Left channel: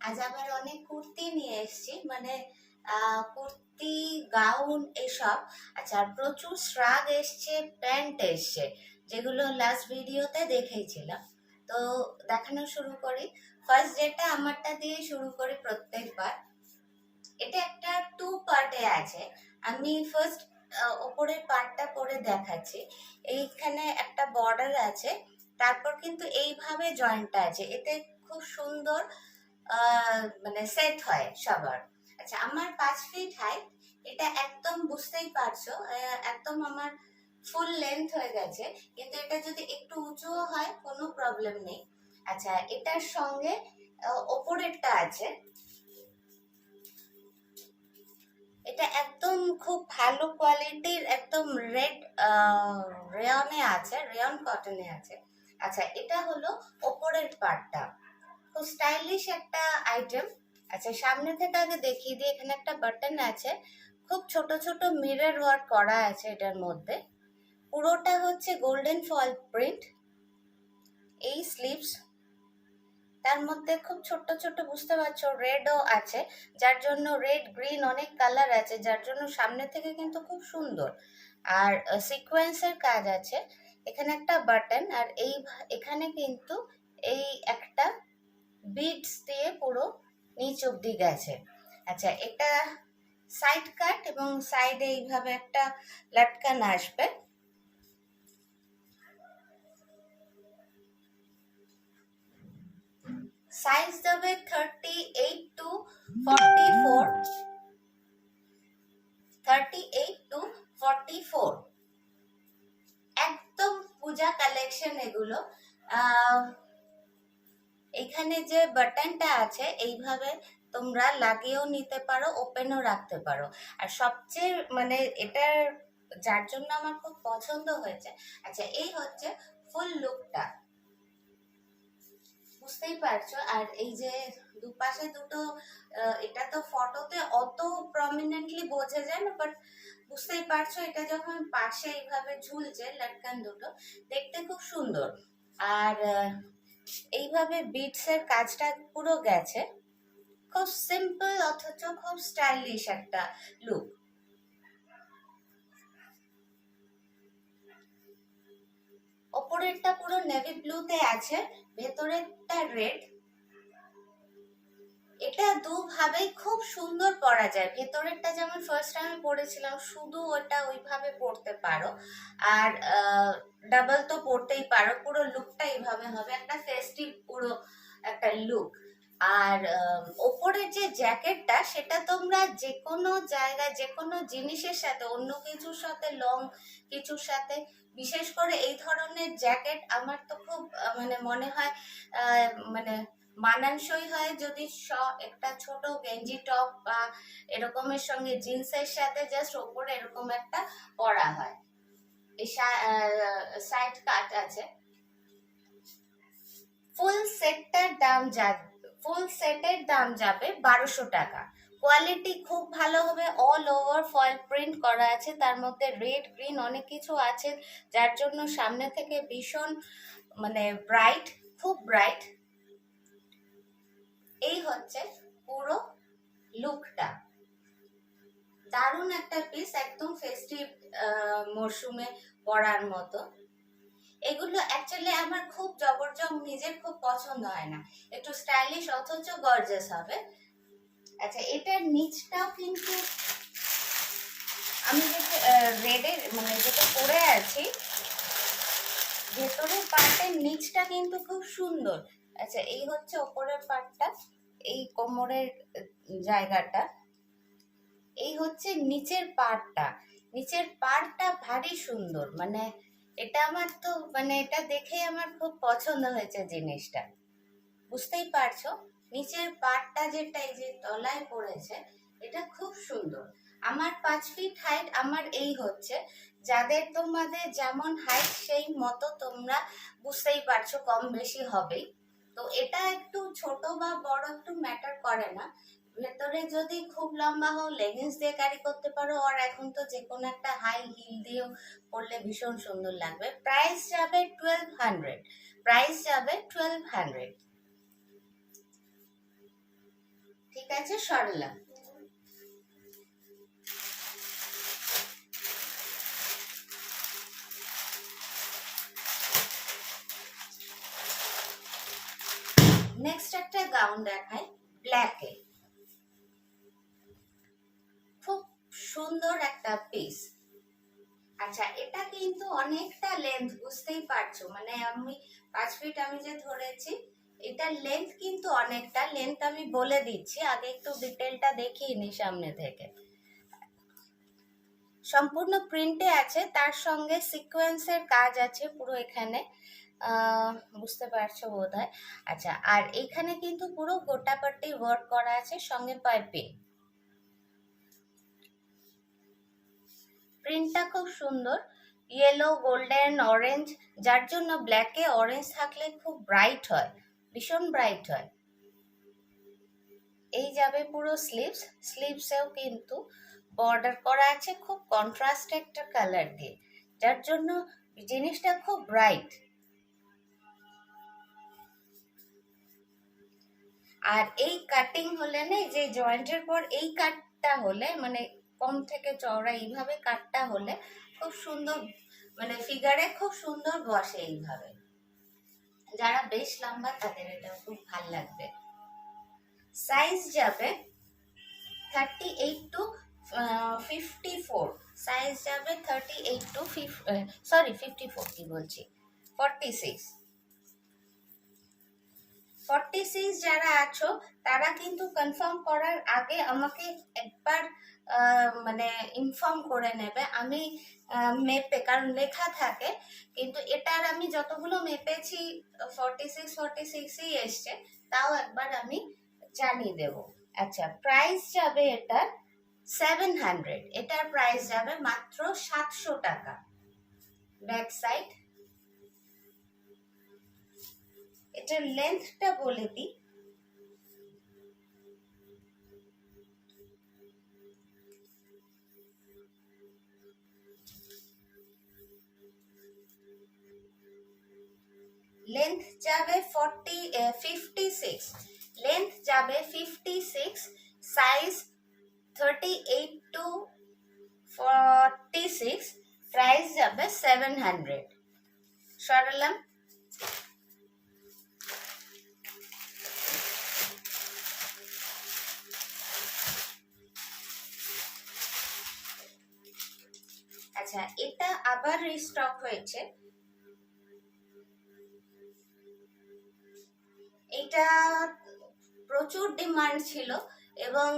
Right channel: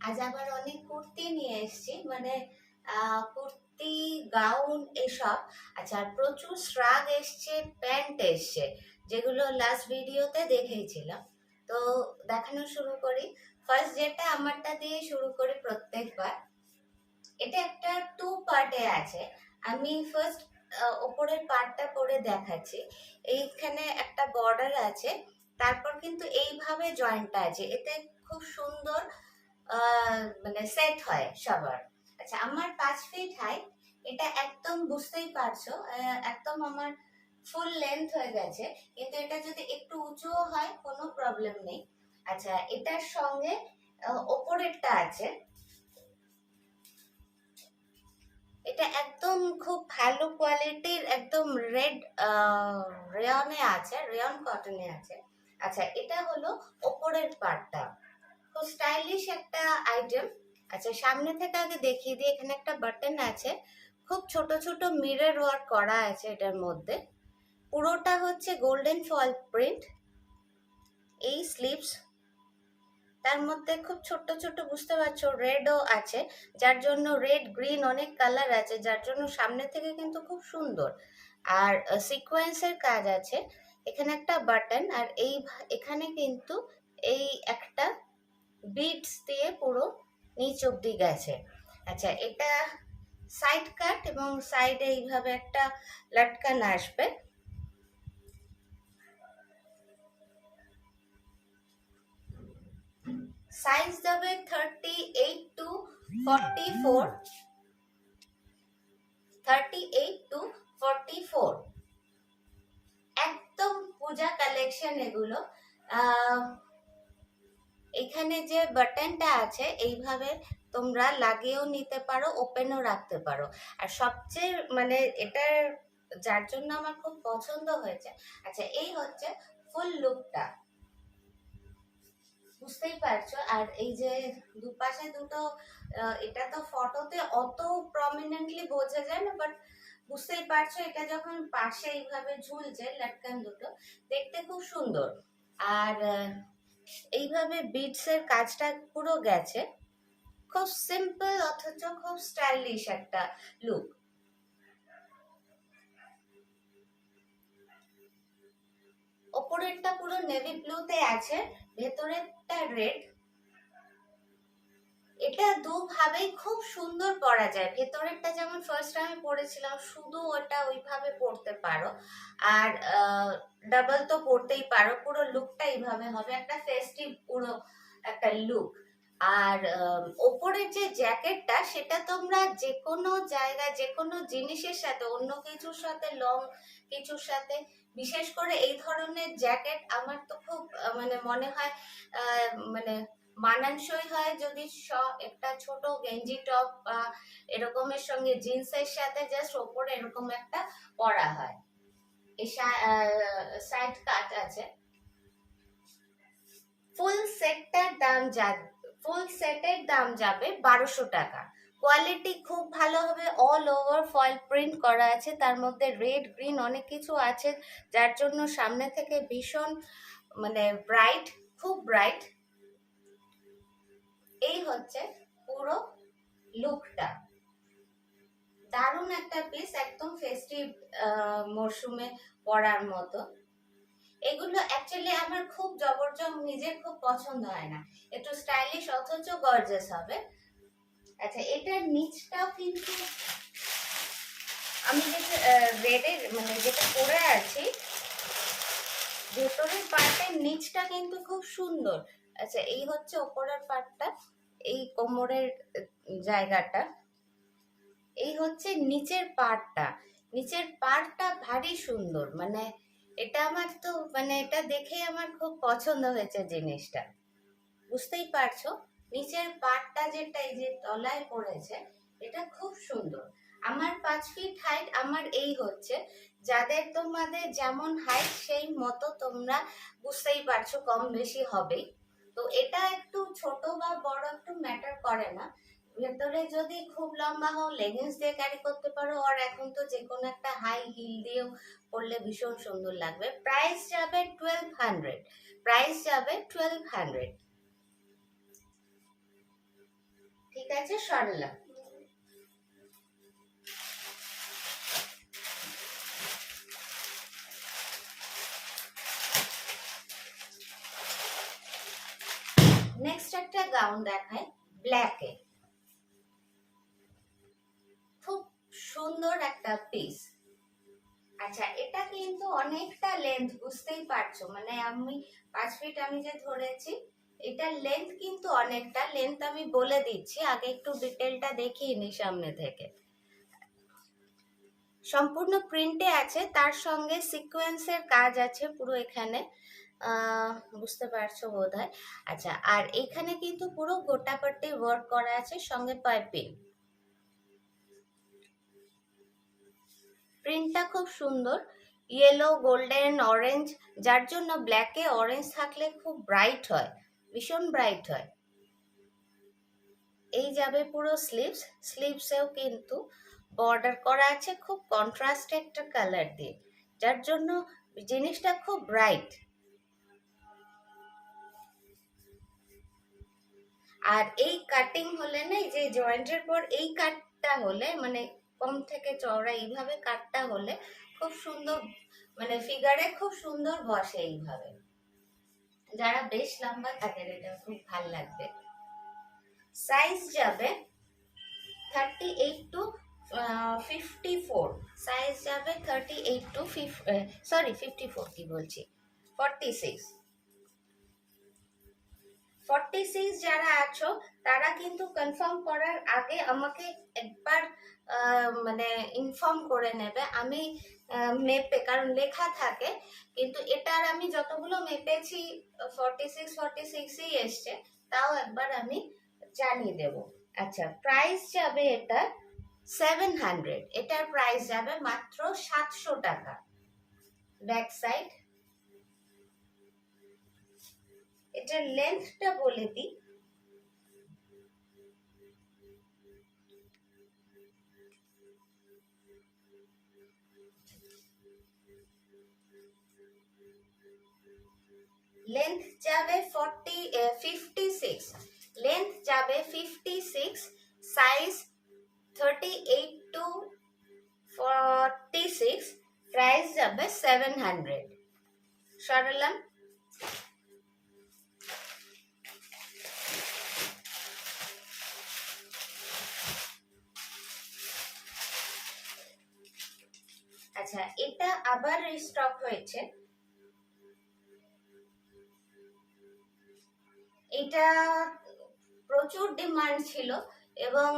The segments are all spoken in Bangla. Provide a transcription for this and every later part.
আজ আবার অনেক কুর্তি নিয়ে এসেছি, মানে কুর্তি, গাউন এসব। আচ্ছা, আর প্রচুর শ্রাগ এসছে, প্যান্ট এসছে, যেগুলো লাস্ট ভিডিওতে দেখেইছিলাম। তো দেখানো শুরু করি। ফার্স্ট যেটা আমারটা দিয়ে শুরু করি প্রত্যেকবার। এটা একটা টু পার্টে আছে। আমি ফার্স্ট ওপরের পার্টটা পরে দেখাচ্ছি। এইখানে একটা বর্ডার আছে, তারপর কিন্তু এইভাবে জয়েন্টটা আছে, এতে খুব সুন্দর মানে সেট হয় সবার। আচ্ছা, আমার 5 ফিট হাইট, এটা একদম বুঝতেই পারছো, একদম আমার ফুল লেন্থ হয়ে গেছে। কিন্তু এটা যদি একটু উঁচুও হয় কোনো প্রবলেম নেই। আচ্ছা, এটার সঙ্গে ওপরেরটা আছে, এটা একদম খুব ভালো কোয়ালিটির, একদম রেড রেয়নে আছে, রেয়ন কটনে আছে। আচ্ছা, এটা হলো ওপরের পার্টটা, খুব স্টাইলিশ একটা আইটেম। আচ্ছা, সামনে থেকে আগে দেখিয়ে দিই। এখানে একটা বাটন আছে, খুব ছোট ছোট মিরর ওয়ার্ক করা আছে এটার মধ্যে। পুরোটা হচ্ছে গোল্ডেন ফয়েল প্রিন্ট। এই স্লিভস, তার মধ্যে খুব ছোট ছোট, বুঝতে পারছো, রেডও আছে, যার জন্য রেড গ্রিন অনেক কালার আছে, যার জন্য সামনে থেকে কিন্তু খুব সুন্দর। আর সিকোয়েন্সের কাজ আছে। এখানে একটা বাটন, আর এখানে কিন্তু এই একটা বিডস দিয়ে পুরো নিচ অব্দি গেছে। আচ্ছা, এটা সাইড কাট এবং সাইডে এইভাবে একটা লটকান আসবে। সাইজ দেবে 38 টু 44, 38 টু 44। একদম পূজা কালেকশন এগুলো। এখানে যে বাটনটা আছে, এইভাবে তোমরা লাগিয়েও নিতে পারো, ওপেনও রাখতে পারো। আর সবচেয়ে মানে এটার, যার জন্য আমার খুব পছন্দ হয়েছে। আচ্ছা, এই হচ্ছে ফুল লুকটা, বুঝতেই পারছো। আর এই যে দুপাশে দুটো, এটা তো ফটোতে অত প্রমিনেন্টলি বোঝা যায় না, বাট বুঝতেই পারছো, এটা যখন পাশে এইভাবে ঝুলছে লটকান দুটো, দেখতে খুব সুন্দর। আর এইভাবে বিটসের কাজটা পুরো গেছে, খুব সিম্পল অথচ খুব স্টাইলিশ একটা লুক। ওপরেরটা পুরো নেভি ব্লুতে আছে, ভেতরেরটা রেড। এটা দুভাবেই খুব সুন্দর পরা যায়। ভেতরেরটা যেমন ফার্স্ট আমি পরেছিলাম, শুধু ওটা ওইভাবে পরতে পারো, আর ডাবল তো পরতেই পারো। পুরো লুকটা এইভাবে হবে, একটা ফেস্টিভ পুরো একটা লুক। আর ওপরের যে জ্যাকেটটা, সেটা তোমরা যে কোনো জায়গায়, যে কোনো জিনিসের সাথে, অন্য কিছুর সাথে, লং কিছুর সাথে, বিশেষ করে এই ধরনের জ্যাকেট আমার তো খুব মানে মনে হয় মানে মানানসই হয় যদি একটা ছোট গেঞ্জি টপ বা এরকমের সঙ্গে জিন্সের সাথে জাস্ট ওপরে এরকম একটা পরা হয়। এই সাইড কাট আছে। ফুল সেটটার দাম যাবে, ফুল সেটের দাম যাবে 1200 টাকা। কোয়ালিটি খুব ভালো হবে, অল ওভার ফয়েল প্রিন্ট করা আছে, তার মধ্যে রেড গ্রিন অনেক কিছু আছে, যার জন্য সামনে থেকে ভীষণ মানে ব্রাইট, খুব ব্রাইট। এই হচ্ছে পুরো লুকটা, দারুণ একটা পিস, একদম ফেস্টিভ মরশুমে পরার মতো। এগুলো অ্যাকচুয়ালি আমার খুব জবরদস্ত, নিজের খুব পছন্দ হয় না, একটু স্টাইলিশ অথচ গর্জাস হবে। আচ্ছা, এটার নিচটাও কিন্তু আমি যেটা রেডের মানে যেটা পরে আছি, ভেতরের পার্টের নিচটা কিন্তু খুব সুন্দর। আচ্ছা, এই হচ্ছে ওপরের পার্টটা, এই কোমরের জায়গাটা। এই হচ্ছে নিচের পার্টটা, নিচের পার্টটা ভারী সুন্দর, মানে এটা আমার তো মানে এটা দেখেই আমার খুব পছন্দ হয়েছে জিনিসটা, বুঝতেই পারছো। নিচের পার্টটা যেটা এই যে তলায় পড়েছে, এটা খুব সুন্দর। আমার 5 ফিট হাইট, আমার এই হচ্ছে, যাদের তোমাদের যেমন হাইট সেই মতো তোমরা বুঝতেই পারছো, কম বেশি হবেই। তো এটা একটু ছোট বা বড় একটু ম্যাটার করে না। ভেতরে যদি খুব লম্বা হও, লেগিংস দিয়ে ক্যারি করতে পারো, আর এখন তো যে কোনো একটা হাই হিল দিয়েও পরলে ভীষণ সুন্দর লাগবে। প্রাইস যাবে 1200, প্রাইস যাবে 1200। আছে সরলা। নেক্সট একটা গাউন দেখায় ব্ল্যাকে, খুব সুন্দর একটা পিস। আচ্ছা, এটা কিন্তু অনেকটা লেন্থ, বুঝতেই পারছো, মানে আমি 5 ফিট আমি যে ধরেছি, এটার লেন্থ কিন্তু অনেকটা। লেন্থ আমি বলে দিচ্ছি, আগে একটু ডিটেলটা দেখিয়ে নি সামনে থেকে। সম্পূর্ণ প্রিন্টে আছে, তার সঙ্গে সিকোয়েন্সের কাজ আছে পুরো এখানে, বুঝতে পারছো বোধহয়। আচ্ছা, আর এখানে কিন্তু পুরো গোটাপট্টি ওয়ার্ক করা আছে, সঙ্গে পাইপিং। প্রিন্টটা খুব সুন্দর, ইয়েলো, গোল্ডেন, অরেঞ্জ, যার জন্য ব্ল্যাকে অরেঞ্জ থাকলে খুব ব্রাইট হয়, ভীষণ ব্রাইট হয়। এই যাবে পুরো স্লিভস, স্লিভসেও কিন্তু বর্ডার করা আছে খুব কন্ট্রাস্ট একটা কালার দিয়ে, যার জন্য জিনিসটা খুব ব্রাইট। আর এই কাটিং হলে না, যে জয়েন্টের পর এই কাটটা হলে, মানে কম থেকে চওড়া এইভাবে কাটটা হলে খুব সুন্দর, মানে ফিগারে খুব সুন্দর বসে এইভাবে। যারা বেশ লম্বা তাদের এটা খুব ভালো লাগবে। সাইজ যাবে 38 টু 54, সাইজ যাবে 38 টু 54 কি বলছি, 46। 46 যারা আছো তারা কিন্তু কনফার্ম করার আগে আমাকে একবার মানে ইনফর্ম করে নেবে। আমি মেপে, কারণ লেখা থাকে, কিন্তু এটার আমি যতগুলো মেপেছি 46ই এসছে, তাও একবার আমি জানিয়ে দেব। আচ্ছা, প্রাইস যাবে এটা 700, এটার প্রাইস যাবে মাত্র 700 টাকা। ব্যাক সাইড, এটার লেন্থটা বলে দিই, লেন্থ যাবে 56, লেন্থ যাবে 56, সাইজ 38 টু 46, প্রাইস যাবে 700। সরালাম। আচ্ছা, এটা আবার রিস্টক হয়েছে, এটা প্রচুর ডিমান্ড ছিল, এবং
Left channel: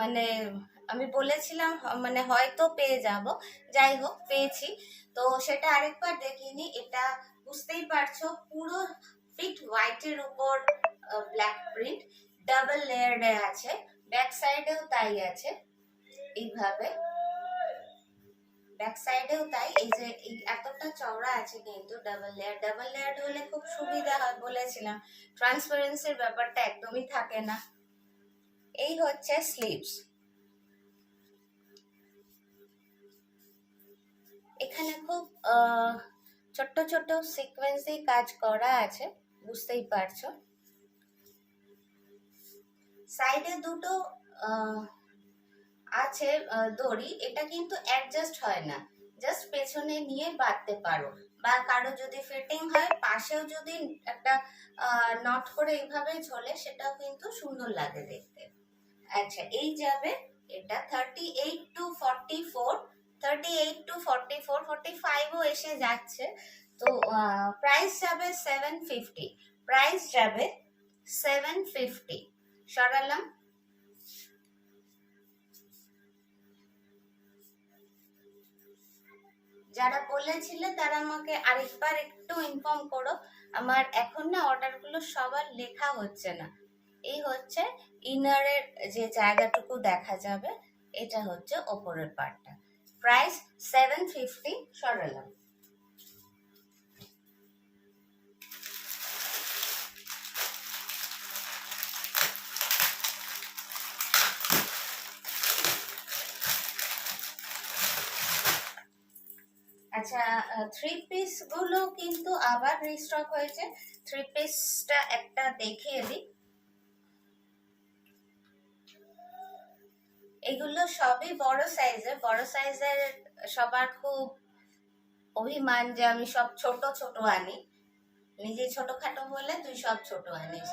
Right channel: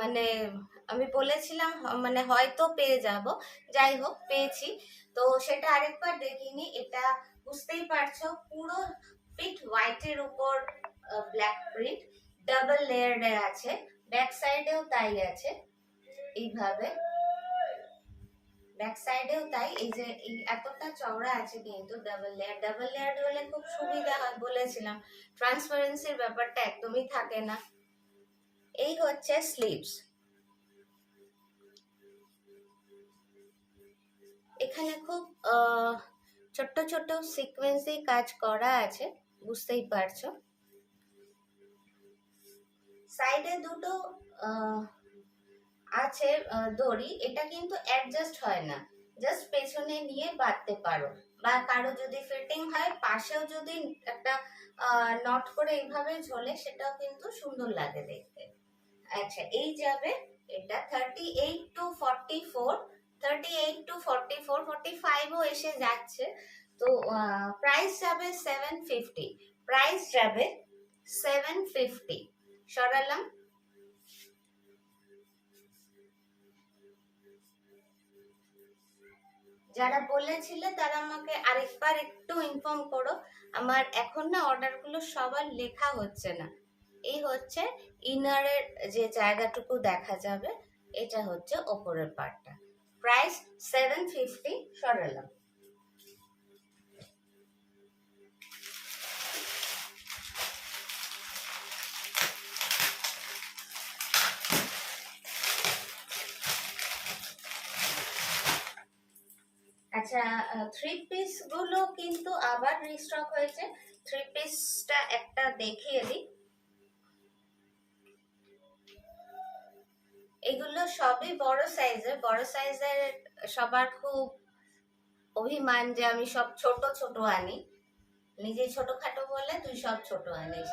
মানে আমি বলেছিলাম মানে হয়তো পেয়ে যাব, যাই হোক পেয়েছি। তো সেটা আরেকবার দেখিনি। এটা বুঝতেই পারছো পুরো পিট হোয়াইটের উপর ব্ল্যাক প্রিন্ট, ডাবল লেয়ারে আছে, ব্যাক সাইডেও তাই আছে এইভাবে, ব্যাক সাইডেও তাই। এই যে এতটা চওড়া আছে কিন্তু ডাবল লেয়ার হলে খুব সুবিধা হয়, বলেছিলাম ট্রান্সপারেন্সির ব্যাপারটা একদমই থাকে না। এই হচ্ছে স্লিভস, এখানে খুব ছোট্ট ছোট্ট সিকোয়েন্সে কাজ করা আছে, বুঝতেই পারছো। সাইডে দুটো আছে দড়ি, এটা কিন্তু অ্যাডজাস্ট হয় না, জাস্ট পেছনে নিয়ে বাঁধতে পারো, বা কারো যদি ফিটিং হয় পাশেও যদি একটা নট করে এইভাবে ঝোলে, সেটাও কিন্তু সুন্দর লাগে দেখতে। আচ্ছা, এই যাবে এটা 38 টু 44, 38 টু 44, 45ও এসে যাচ্ছে। তো প্রাইস যাবে 750, প্রাইস যাবে 750। সরালাম। যারা বলেছিলে তারা আমাকে আরেকবার একটু ইনফর্ম করো, আমার এখন না অর্ডারগুলো সবার লেখা হচ্ছে না। এই হচ্ছে ইনারের যে জায়গাটুকু দেখা যাবে, এটা হচ্ছে ওপরের পার্টটা, প্রাইস 750। সরালাম। আচ্ছা, থ্রি পিস গুলো কিন্তু আবার রিস্টক হয়েছে। থ্রি পিসটা একটা দেখিয়ে দিই, এগুলো সবই বড় সাইজের। বড় সাইজের সবার খুব অভিমান যে আমি সব ছোট ছোট আনি, নিজে ছোটখাটো বলে তুই সব ছোট আনিস,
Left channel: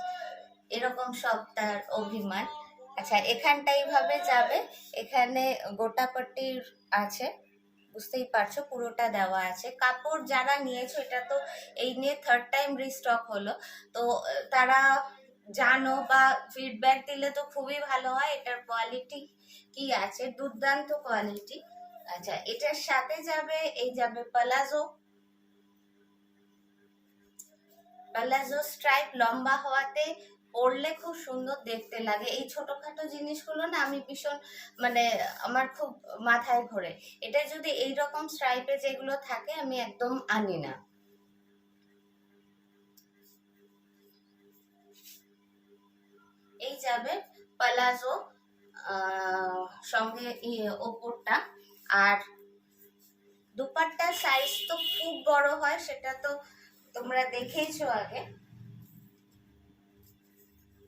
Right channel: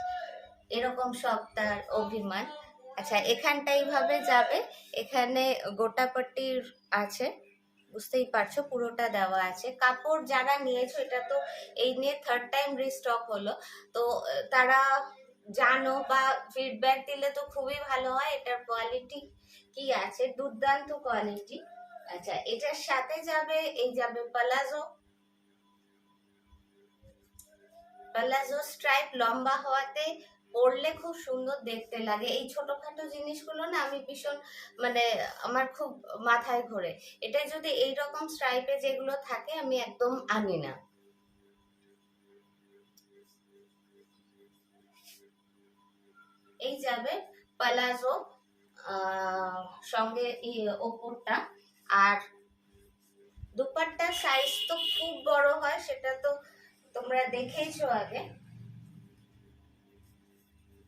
এরকম সব তার অভিমান। আচ্ছা, এখানটা এইভাবে যাবে, এখানে গোটাপট্টির আছে, বুঝতেই পারছো পুরোটা দেওয়া আছে। কাপড় যারা নিয়েছো, এটা তো এই নিয়ে থার্ড টাইম রিস্টক হলো, তো তারা জানো বা ফিডব্যাক দিলে তো খুবই ভালো হয়। এটার কোয়ালিটি কি আছে, দুর্দান্ত কোয়ালিটি। আচ্ছা, এটার সাথে যাবে, এই যাবে পালাজো। পালাজো স্ট্রাইপ লম্বা হওয়াতে পরলে খুব সুন্দর দেখতে লাগে। এই ছোটখাটো জিনিসগুলো না আমি ভীষণ মানে আমার খুব মাথায় ঘোরে। এটা যদি এইরকম স্ট্রাইপে যেগুলো থাকে আমি একদম আনি না। এই যাবে পালাজো সঙ্গে ওপরটা। আর দুপাট্টার সাইজ তো খুব বড় হয়, সেটা তো তোমরা দেখেইছো আগে,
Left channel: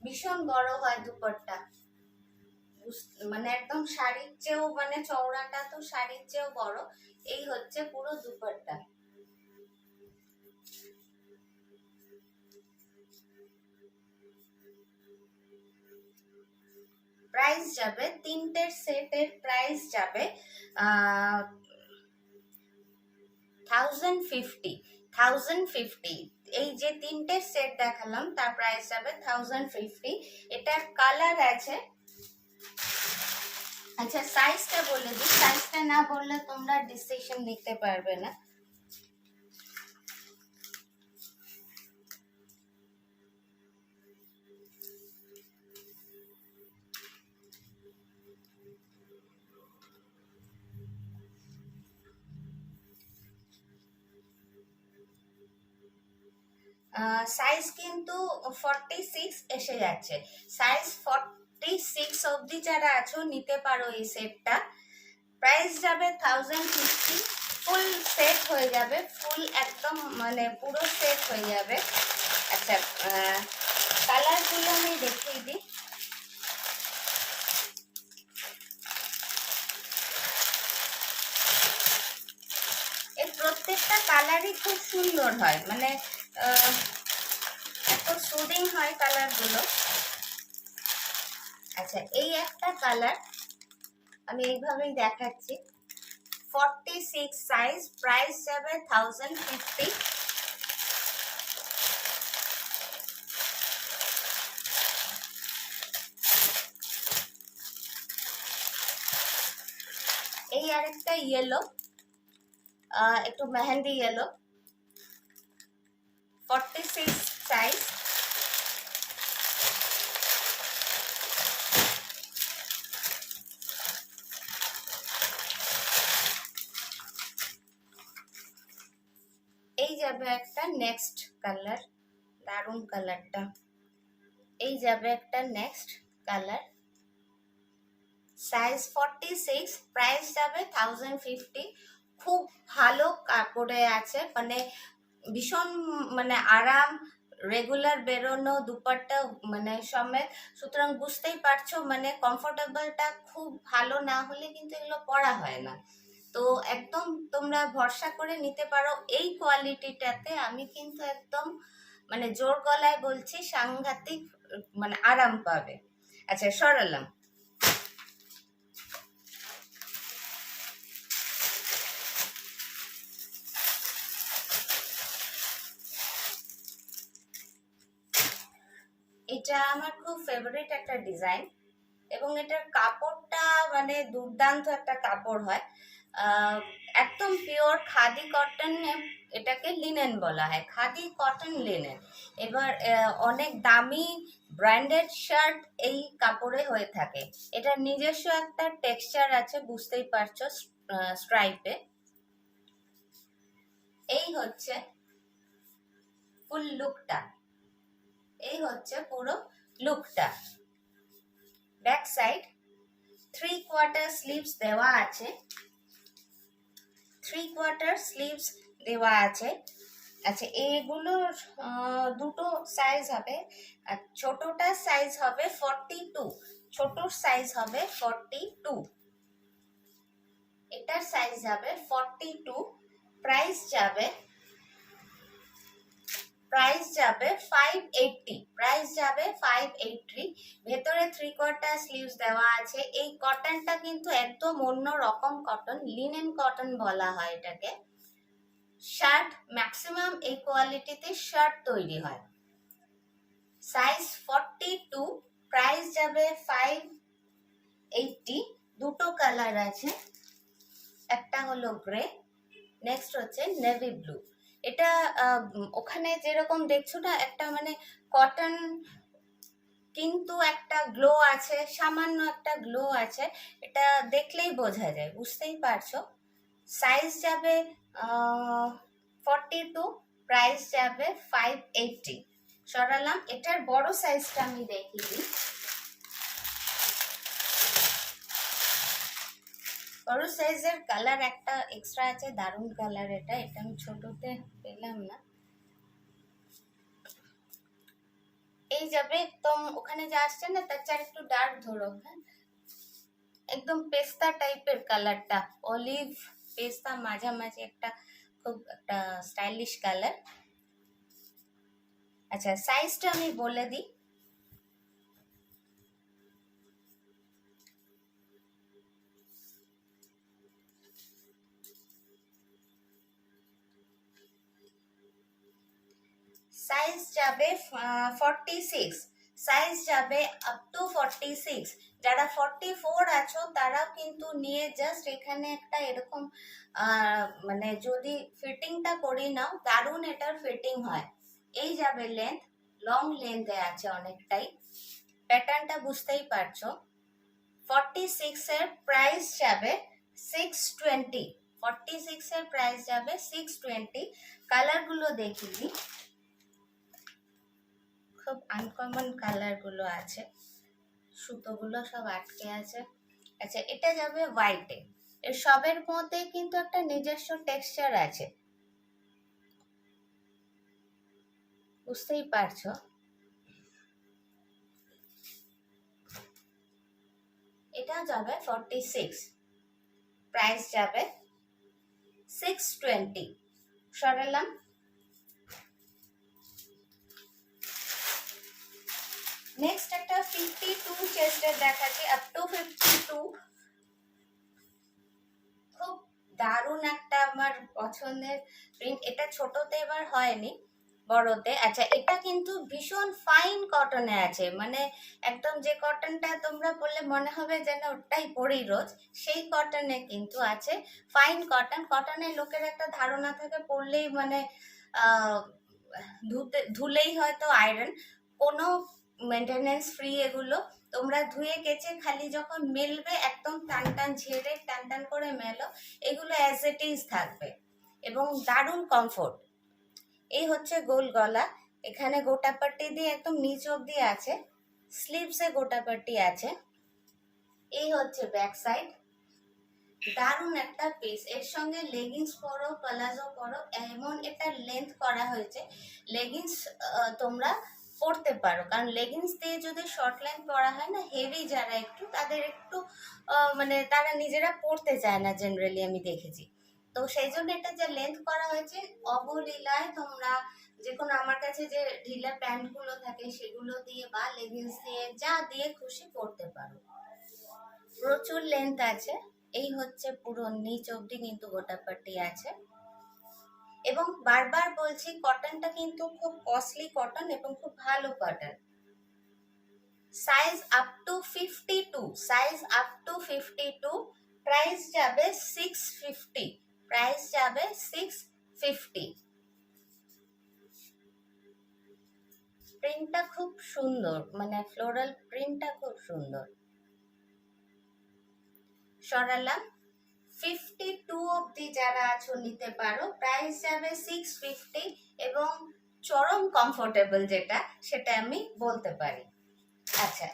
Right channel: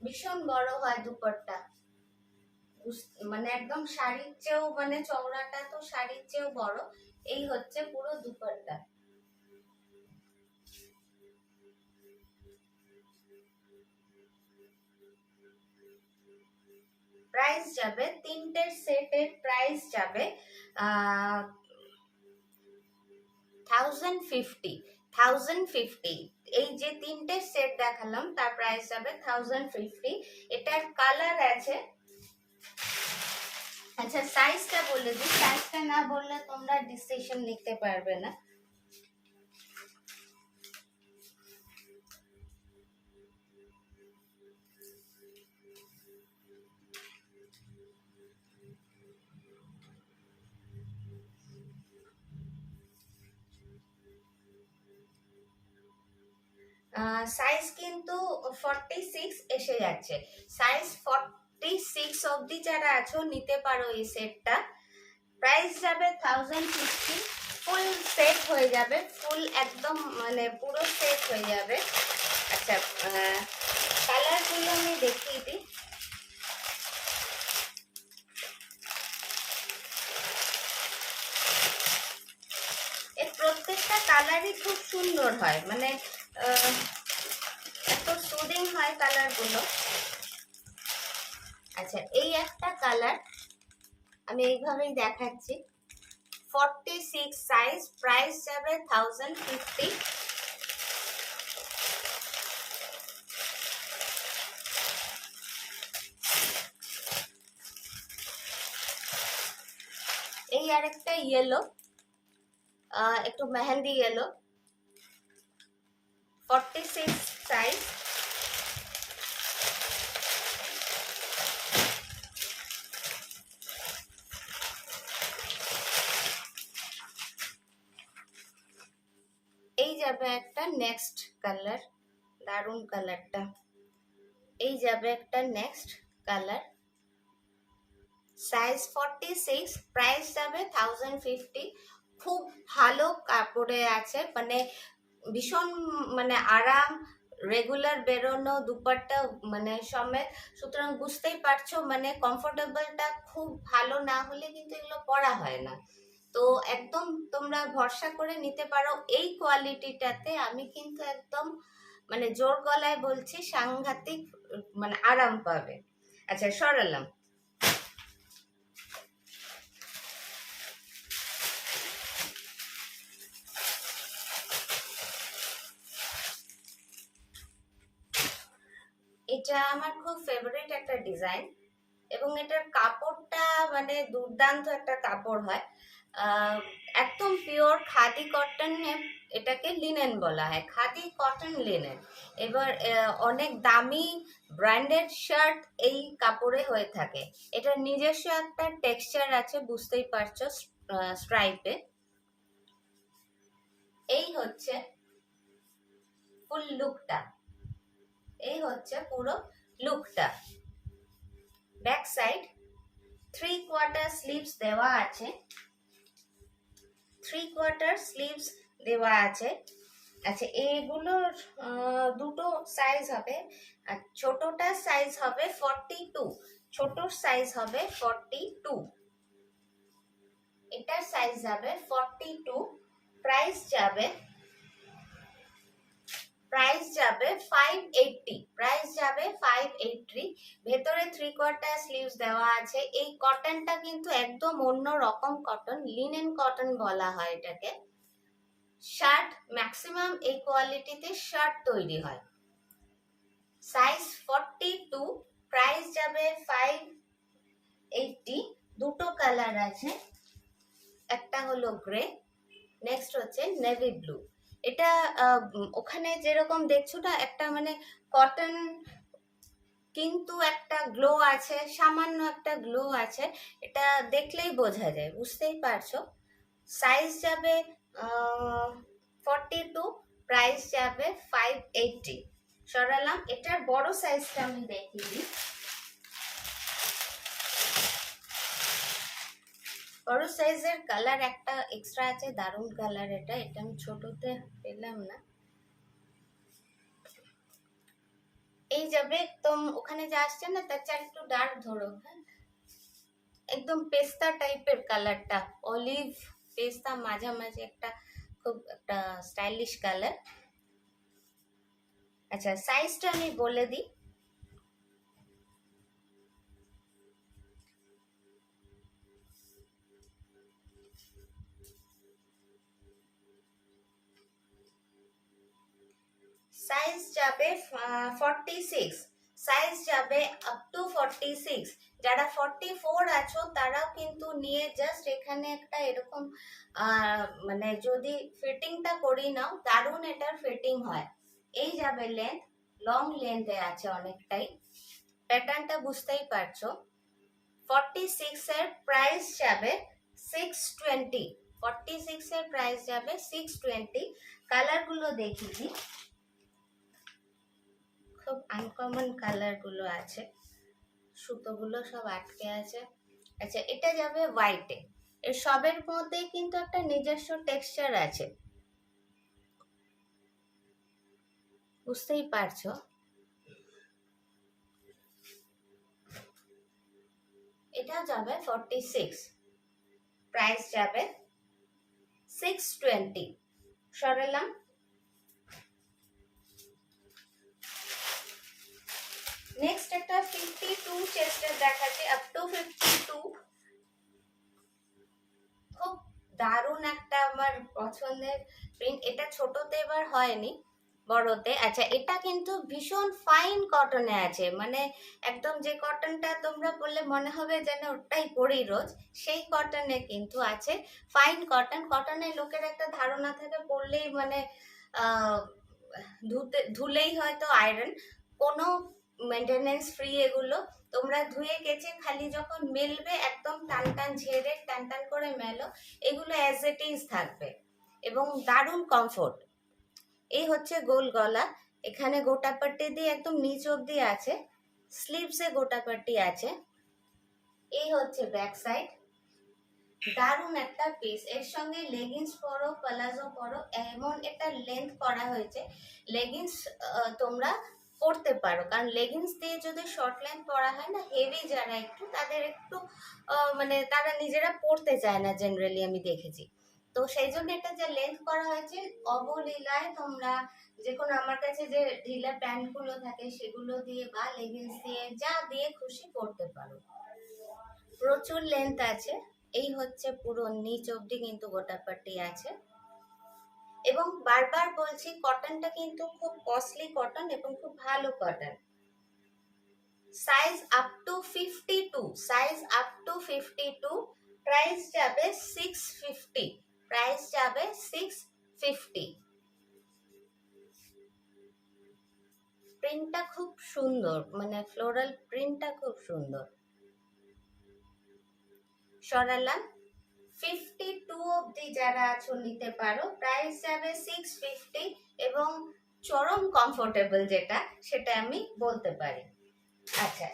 ভীষণ বড় হয় দুপাট্টা, মানে একদম শাড়ির চেয়েও, মানে চওড়াটা তো শাড়ির চেয়েও বড়। এই হচ্ছে পুরো দুপাট্টা। প্রাইস যাবে, তিনটের সেটের প্রাইস যাবে 1050। এই যে তিনটে সেট দেখালাম তার প্রাইস যাবে 1050। এটার কালার আছে, আচ্ছা সাইজটা বলে দিই, সাইজটা না বললে তোমরা ডিসিশন নিতে পারবে না। সাইজ কিন্তু 46 এসে যাচ্ছে। সাইজ 46 অবধি যারা আছো নিতে পারো এই সেটটা। প্রাইস যাবে 1050। ফুল সেট হয়ে যাবে, ফুল একদম মানে পুরো সেট হয়ে যাবে। আচ্ছা, কালারগুলো আমি দেখিয়ে দিই। এর প্রত্যেকটা কালারই খুব সুন্দর হয়, মানে এত সুদিং হয় কালারগুলো। আচ্ছা, এই একটা কালার আমি এইভাবেই দেখাচ্ছি, 46 সাইজ, প্রাইস যাবে 1050। এই আরেকটা ইয়েলো, একটু মেহেন্দি ইয়েলো, 46 সাইজ। এই যাবে একটা নেক্সট কালার, দারুণ কালারটা। এই যাবে একটা নেক্সট কালার, সাইজ 46, প্রাইস যাবে 1050। খুব ভালো কাপড়ে আছে, মানে ভীষণ মানে আরাম, রেগুলার বেরোনো দুপাট্টা মানে সমেত, সুতরাং বুঝতেই পারছো মানে কমফোর্টেবলটা খুব ভালো না হলে কিন্তু এগুলো পরা হয় না। তো একদম তোমরা ভরসা করে নিতে পারো এই কোয়ালিটিটাতে। আমি কিন্তু একদম মানে জোর গলায় বলছি, সাংঘাতিক মানে আরাম পাবে। আচ্ছা, সরালাম। এটা আমার খুব ফেভারিট একটা ডিজাইন, এবং এটার কাপড়টা মানে দুর্দান্ত একটা কাপড় হয়, একদম পিওর খাদি কটনে। এটাকে লিনেন বলা হয়, খাদি কটন লিনেন। এবার অনেক দামি ব্র্যান্ডেড শার্ট এই কাপড়ে হয়ে থাকে। এটার নিজস্ব একটা টেক্সচার আছে, বুঝতেই পারছো, স্ট্রাইপে। এই হচ্ছে ফুল লুকটা, এই হচ্ছে পুরো লুকটা। ব্যাক সাইড 3/4 স্লিভস দেওয়া আছে, 3/4 স্লিভস দেওয়া আছে। আচ্ছা, এগুলোর দুটো সাইজ হবে, আর ছোটটার সাইজ হবে 42, ছোটর সাইজ হবে 42, এটার সাইজ যাবে 42, প্রাইস যাবে 580, প্রাইস যাবে 580। ভেতরে 3/4 স্লিভস দেওয়া আছে। এই কটনটা কিন্তু একদম অন্য রকম কটন, লিনেন কটন বলা হয় এটাকে। শার্ট ম্যাক্সিমাম এই কোয়ালিটিতে শার্ট তৈরি হয়। সাইজ 42, প্রাইস যাবে 580। দুটো কালার আছে, একটা হলো গ্রে, নেক্সট হচ্ছে নেভি ব্লু। এটা ওখানে যেরকম দেখছো না, একটা মানে কটন কিন্তু একটা গ্লো আছে, সামান্য একটা গ্লো আছে, এটা দেখলেই বোঝা যায়, বুঝতেই পারছো। সাইজ যাবে 42, প্রাইস যাবে 580। সরালাম, এটার বড় সাইজটা আমি দেখিয়ে দিই। বড় সাইজের কালার একটা এক্সট্রা আছে, দারুণ কালার। এটা আমি ছোটতে পেলাম না। এই যাবে একদম ওখানে যা আসছে না, তার চার একটু ডার্ক ধরো, হ্যাঁ, একদম পেস্তা টাইপের কালারটা, অলিভ পেস্তা মাঝামাঝি, একটা খুব একটা স্টাইলিশ কালার। আচ্ছা, সাইজটা আমি বলে দিই। সাইজ যাবে 46, সাইজ যাবে আপ টু 46। যারা 44 আছো তারাও কিন্তু নিয়ে জাস্ট এখানে একটা এরকম মানে যদি ফিটিংটা করি নাও, দারুণ এটার ফিটিং হয়। এই যাবে লেন্থ, লং লেন্থে আছে অনেকটাই, প্যাটার্নটা বুঝতেই পারছো। 46 এর প্রাইস যাবে 620, 46 এর প্রাইস যাবে 620। কালারগুলো দেখিয়ে দিই, খুব আনকমন কালার গুলো আছে, সুতোগুলো সব আটকে আছে। আচ্ছা, এটা যাবে হোয়াইটে। এর সবের মধ্যে কিন্তু একটা নিজস্ব টেক্সচার আছে, বুঝতেই পারছো। এটা যাবে 46, প্রাইস যাবে 620। সরালাম। নেক্সট একটা 52 চেস্টের দেখাচ্ছি, আপ টু 52। খুব দারুণ একটা আমার পছন্দের প্রিন্ট। এটা ছোটতে এবার হয়নি, বড়তে। আচ্ছা, এটা কিন্তু ভীষণ ফাইন কটনে আছে, মানে একদম যে কটনটা তোমরা পরলে মনে হবে যেন ওটাই পরি রোজ, সেই কটনে কিন্তু আছে। Fine cotton. কটনের লোকের একটা ধারণা থাকে পরলেই মানে ধুলেই হয়তো আয়রন, কোনো মেনটেনেন্স ফ্রি এগুলো। তোমরা ধুয়ে কেচে খালি যখন মেলবে একদম টান টান ঝেড়ে টান টান করে মেলো, এগুলো অ্যাজ ইট ইজ থাকবে এবং দারুণ কমফোর্ট। এই হচ্ছে গোল গলা, এখানে গোটাপাট্টি দিয়ে একদম নিচ অব্দি আছে, স্লিভসে গোটাপাট্টি আছে। এই হচ্ছে ব্যাক সাইড, দারুণ একটা পিস। এর সঙ্গে লেগিংস পরো, প্লাজো পরো, এমন এটা লেন্থ করা হয়েছে। লেগিংস তোমরা পরতে পারো, কারণ লেগিংস দিয়ে যদি শর্ট লেন্থ পরা হয় না, হেভি যারা একটু, তাদের একটু মানে তারা নিজেরা পরতে চায় না জেনারেলি, আমি দেখেছি। তো সেই জন্য এটা যে লেন্থ করা হয়েছে, অবলীলায় তোমরা যে কোনো আমার কাছে যে ঢিলা প্যান্ট গুলো থাকে সেগুলো দিয়ে বা লেগিংস দিয়ে, যা দিয়ে খুশি পরতে পারো। প্রচুর লেন্থ আছে। এই হচ্ছে পুরো নিচ অবধি কিন্তু গোটাপাটি আছে। এবং বারবার বলছি, কটনটা কিন্তু খুব কস্টলি কটন এবং খুব ভালো cotton. Size up to 52, size up to 52, price যাবে 650, প্রাইস যাবে 650। প্রিন্টটা খুব সুন্দর, মানে ফ্লোরাল প্রিন্টটা খুব সুন্দর। সরালাম। 52 অবধি যারা আছো নিতে পারো, প্রাইস যাবে 650 এবং চরম কমফোর্টেবল যেটা, সেটা আমি বলতে পারি। আচ্ছা,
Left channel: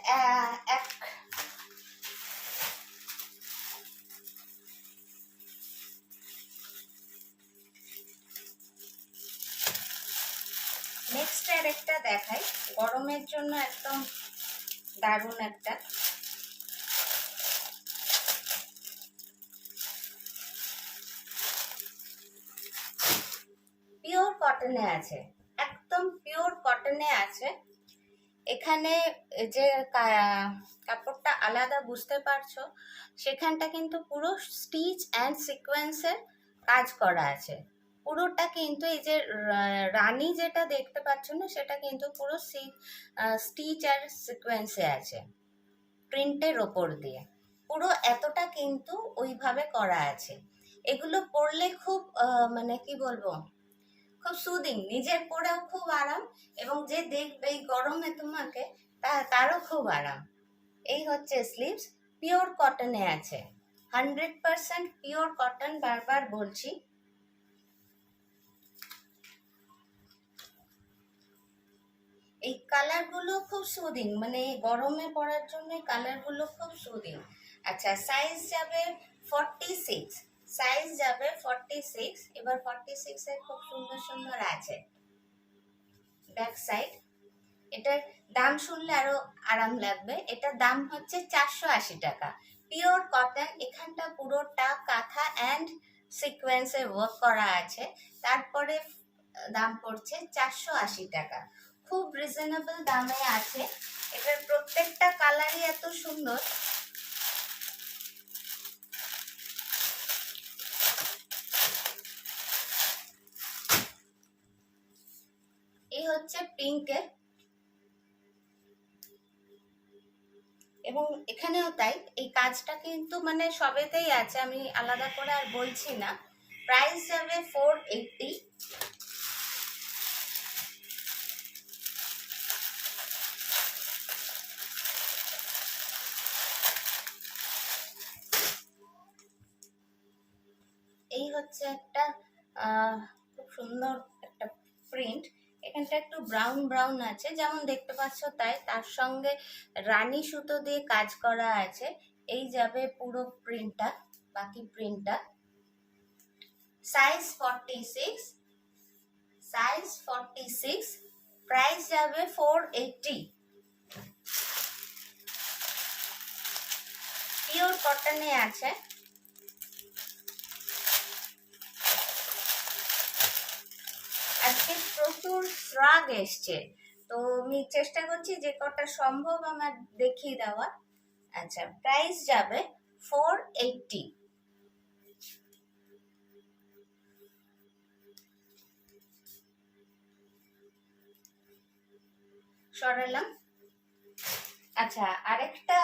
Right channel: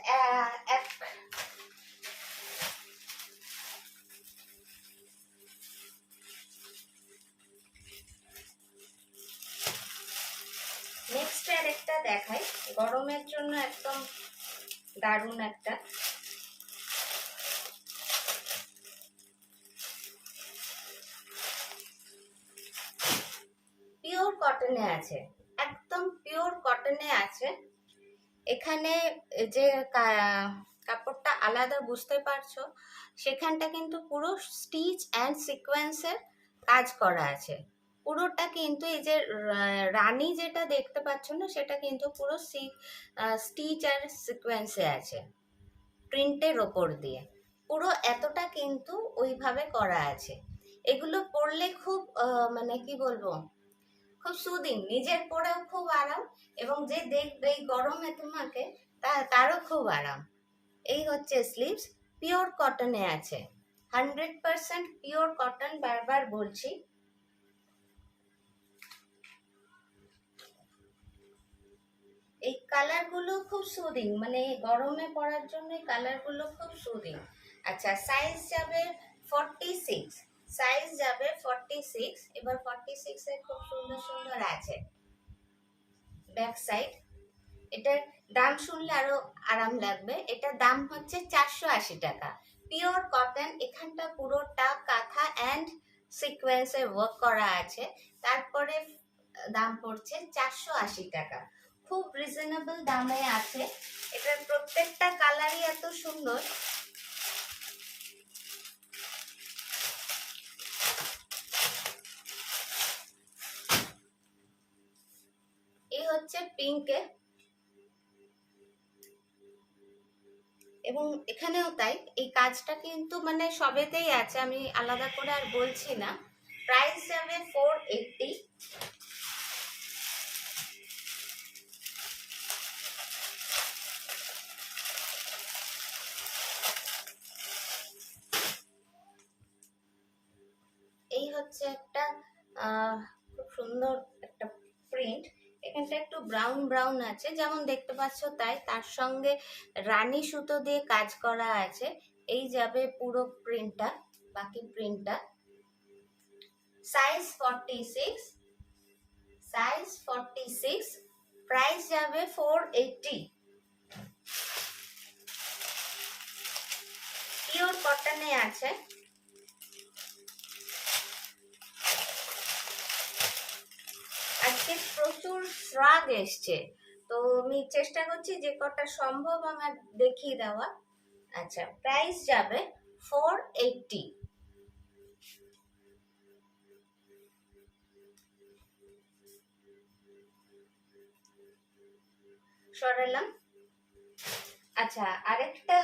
নেক্সট আর একটা দেখাই, গরমের জন্য একদম দারুণ একটা। কটনে আছে, একদম পিওর কটনে আছে। এখানে যে কাপড়টা আলাদা বুঝতে পারছো, সেখানটা কিন্তু পুরো স্টিচ অ্যান্ড সিকোয়েন্সের কাজ করা আছে। পুরোটা কিন্তু এই যে রানী যেটা দেখতে পাচ্ছ না, সেটা কিন্তু পুরো স্টিচ আর সিকোয়েন্সে আছে, প্রিন্টের ওপর দিয়ে পুরো এতটা কিন্তু ওইভাবে করা আছে। এগুলো পরলে খুব মানে কি বলবো, খুব সুদিং, নিজের পরেও খুব আরাম, এবং যে দেখবে এই গরমে তোমাকে তারও খুব আরাম। এই হচ্ছে স্লিভস, পিওর কটনে আছে, 100% পিওর কটন, বারবার বলছি। এই কালারগুলো খুব সুদিং, মানে গরমে পরার জন্য এই কালারগুলো খুব সুদিং। আচ্ছা, সাইজ যাবে 46, সাইজ যাবে 46। এবার 46 এর খুব সুন্দর সুন্দর আছে ব্যাক সাইড। এটার দাম শুনলে আরো আরাম লাগবে। এটার দাম হচ্ছে 480 টাকা, পিওর কটন। এখানটা পুরোটা কাঁথা অ্যান্ড সিকোয়েন্সের ওয়ার্ক করা আছে। তারপরে দাম পড়ছে 480 টাকা, খুব রিজনেবল দামে আছে। এটার প্রত্যেকটা কালারই এত সুন্দর। এই হচ্ছে পিঙ্কে, এবং এখানেও তাই। এই কাজটা কিন্তু মানে সবেতেই আছে, আমি আলাদা করে আর বলছি না। প্রাইস যাবে 480। এই হচ্ছে একটা খুব সুন্দর একটা প্রিন্ট। এখানটা একটু ব্রাউন ব্রাউন আছে, যেমন দেখতে পাচ্ছ তাই। তার সঙ্গে রানী সুতো দিয়ে কাজ করা আছে। এই যাবে পুরো প্রিন্টটা, বাকি প্রিন্টটা। সাইজ 46, সাইজ 46, প্রাইস যাবে 480। পিওর কটনে আছে। আজকে প্রচুর শ্রাগ এসছে, তো আমি চেষ্টা করছি যে কটা সম্ভব আমার দেখিয়ে দেওয়া। আচ্ছা, প্রাইস যাবে 480। সরালাম। আচ্ছা, আরেকটা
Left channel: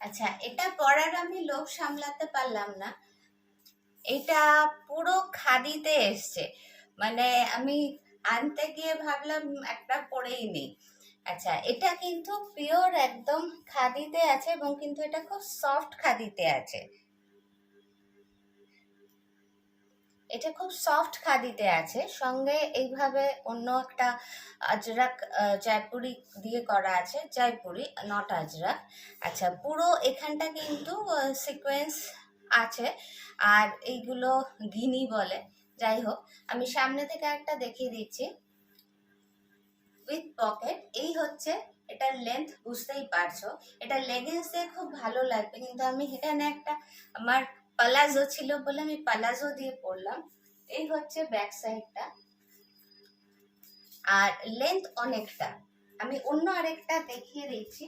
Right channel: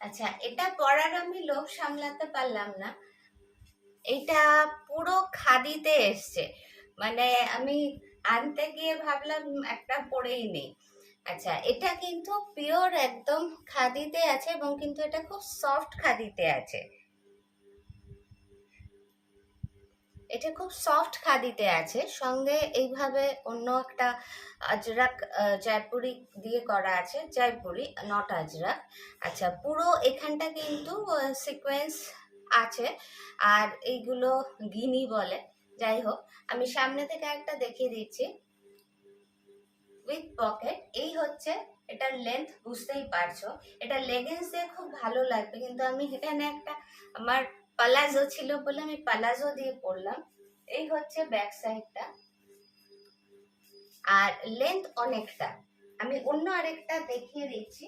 আচ্ছা, এটা পরার আমি লোভ সামলাতে পারলাম না। এটা পুরো খাদিতে এসছে, মানে আমি আনতে গিয়ে ভাবলাম একটা পরেই নেই। আচ্ছা, এটা কিন্তু পিওর একদম খাদিতে আছে, এবং কিন্তু এটা খুব সফট খাদিতে আছে। এটা খুব সফট খাদিতে আছে, সঙ্গে এইভাবে অন্য একটা আজরাক জয়পুরি দিয়ে করা আছে, জয়পুরি নট আজরাক। আচ্ছা, পুরো এখানটা কিন্তু সিকোয়েন্স আছে, আর এইগুলো গিনি বলে। যাই হোক, আমি সামনে থেকে একটা দেখিয়ে দিচ্ছি উইথ পকেট। এই হচ্ছে এটার লেন্থ, বুঝতেই পারছো। এটা লেগিংস দিয়ে খুব ভালো লাগবে, কিন্তু আমি এখানে একটা আমার পালাজো ছিল বলে আমি পালাজো দিয়ে পরলাম। এই হচ্ছে ব্যাক সাইডটা, আর লেন্থ অনেকটা। আমি অন্য আরেকটা দেখিয়ে দিচ্ছি।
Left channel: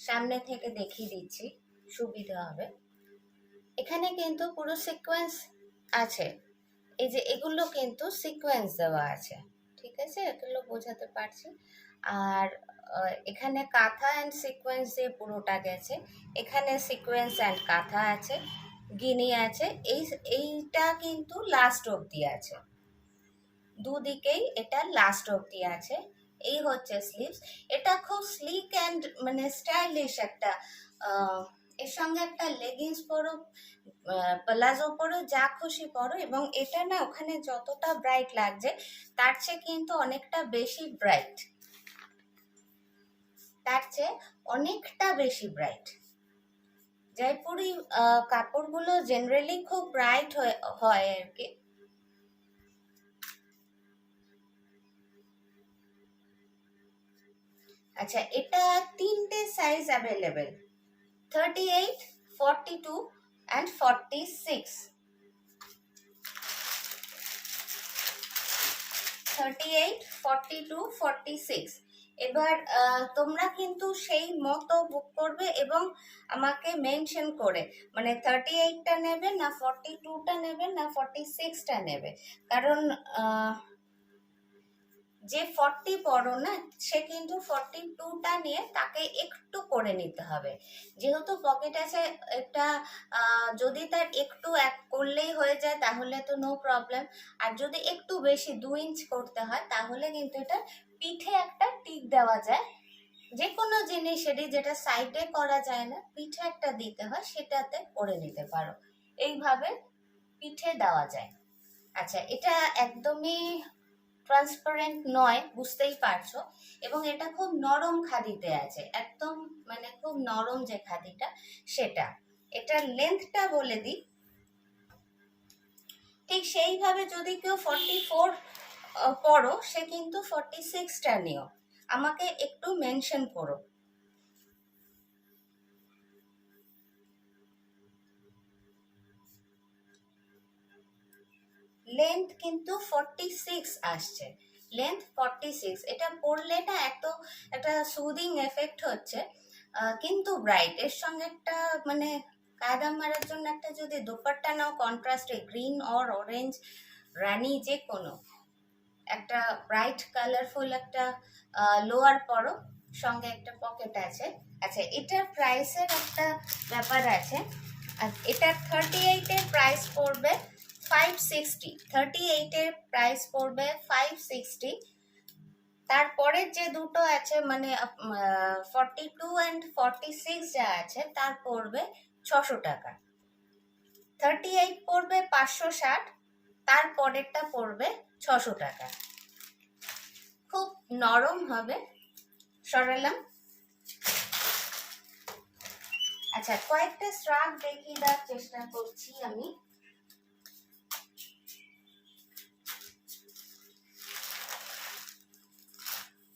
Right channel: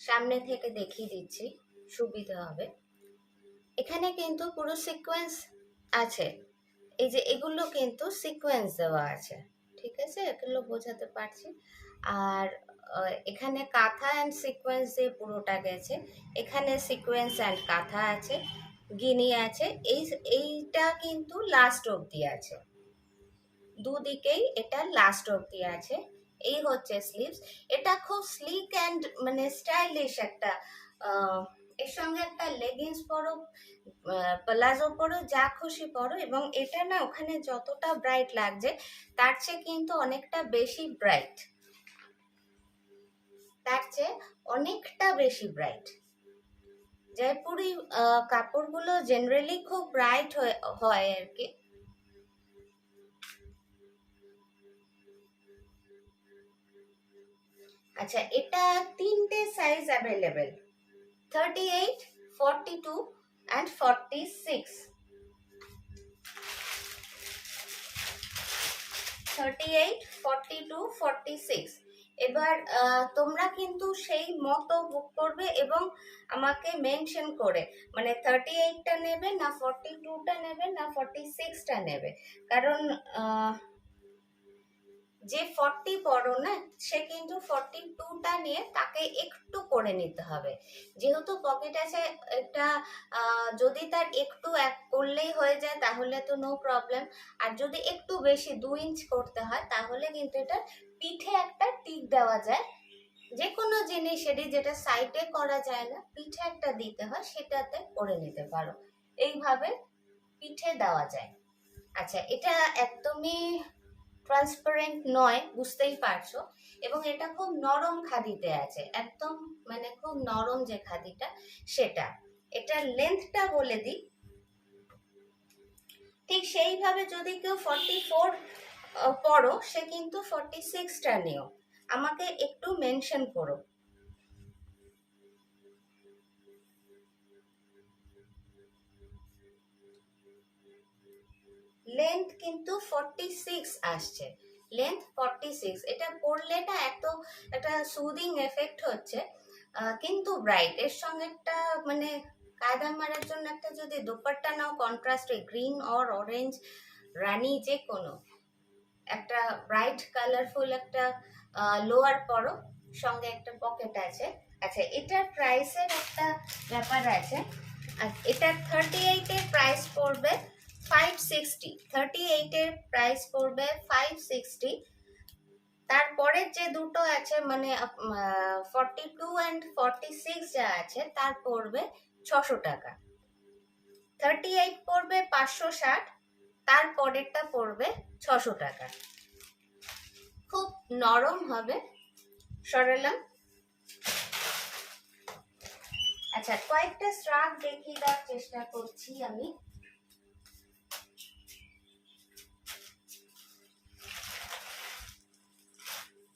সামনে থেকে দেখিয়ে দিচ্ছি, সুবিধা হবে। এখানে কিন্তু পুরো সিকোয়েন্স আছে, এই যে এগুলো কিন্তু সিকোয়েন্স দেওয়া আছে, ঠিক আছে? এগুলো বোঝাতে পারছি। আর এখানে কাঁথা অ্যান্ড সিকোয়েন্স দিয়ে পুরোটা গেছে। এখানে সিকোয়েন্স অ্যান্ড কাঁথা আছে, গিনি আছে। এইটা কিন্তু লাস্ট অবধি আছে, দুদিকেই এটা লাস্ট অবধি আছে। এই হচ্ছে স্লিভস। এটা খুব স্লিক অ্যান্ড মানে স্টাইলিশ একটা। এর সঙ্গে একটা লেগিংস পরো, প্লাজো পরো, যা খুশি পরো, এবং এটা না ওখানে যতটা ব্রাইট লাগছে তার চেয়ে কিন্তু অনেকটা বেশি ব্রাইট, তার চেয়ে অনেকটা বেশি ব্রাইট। জয়পুরি কাপড়গুলো জেনারেলি খুব ব্রাইট হয় আর কি। আচ্ছা, এটা তিনটে সাইজ অ্যাভেলেবেল, 38, 42 and 46। 38, 42, 46। এবার তোমরা কিন্তু সেই মতো বুক করবে এবং আমাকে মেনশন করে, মানে 38টা নেবে না 42টা নেবে না 46টা নেবে। কারণ যে 40 পড়ো না সে কিন্তু 42টা নিয়ে তাকে একটু করে নিতে হবে, যেহেতু পকেট আছে একটা। যদি তার একটু এক করলেই হয়ে যায় তাহলে তো নো প্রবলেম। আর যদি একটু বেশি 2 ইঞ্চ করতে হয় তাহলে কিন্তু এটা পিঠে একটা টিক দেওয়া যায়। যে কোনো জিনিসেরই যেটা সাইডে করা যায় না, পিঠে একটা দিতে হয়, সেটাতে করে নিতে পারো। এইভাবে পিঠে দেওয়া যায়। আচ্ছা, এটা একদমই ট্রান্সপারেন্ট নয়, বুঝতেই পারছো। এবং এটা খুব নরম খাদিতে আছে, একদম মানে খুব নরম যে খাদিটা সেটা। এটার লেন্থটা বলে দিই, ঠিক সেইভাবে যদি কেউ 44 পড়ো সে কিন্তু 46টা নিও, আমাকে একটু মেনশন করো। লেন্থ কিন্তু 46 আসছে, লেন্থ 46। এটা পরলে না এত একটা সুদিং এফেক্ট হচ্ছে, কিন্তু ব্রাইট। এর সঙ্গে একটা মানে কায়দা মারার জন্য একটা যদি দোপাট্টা নাও কন্ট্রাস্টে, গ্রিন অর অরেঞ্জ, রানি, যে কোনো একটা ব্রাইট কালারফুল একটা লোয়ার পরো, সঙ্গে একটা পকেট আছে। আচ্ছা, এটার প্রাইসের একটা ব্যাপার আছে। এটার 38-এর প্রাইস পড়বে 560। 38-এর প্রাইস পড়বে 560। তারপরের যে দুটো আছে মানে 42 অ্যান্ড 46 যা আছে তার পড়বে 600 টাকা। 38 পড়বে 560, তারপরেরটা পড়বে 600 টাকা। খুব নরম হবে, সরালাম। আচ্ছা, কয়েকটা স্ট্রাক দেখিয়ে দেওয়ার চেষ্টা করছি আমি।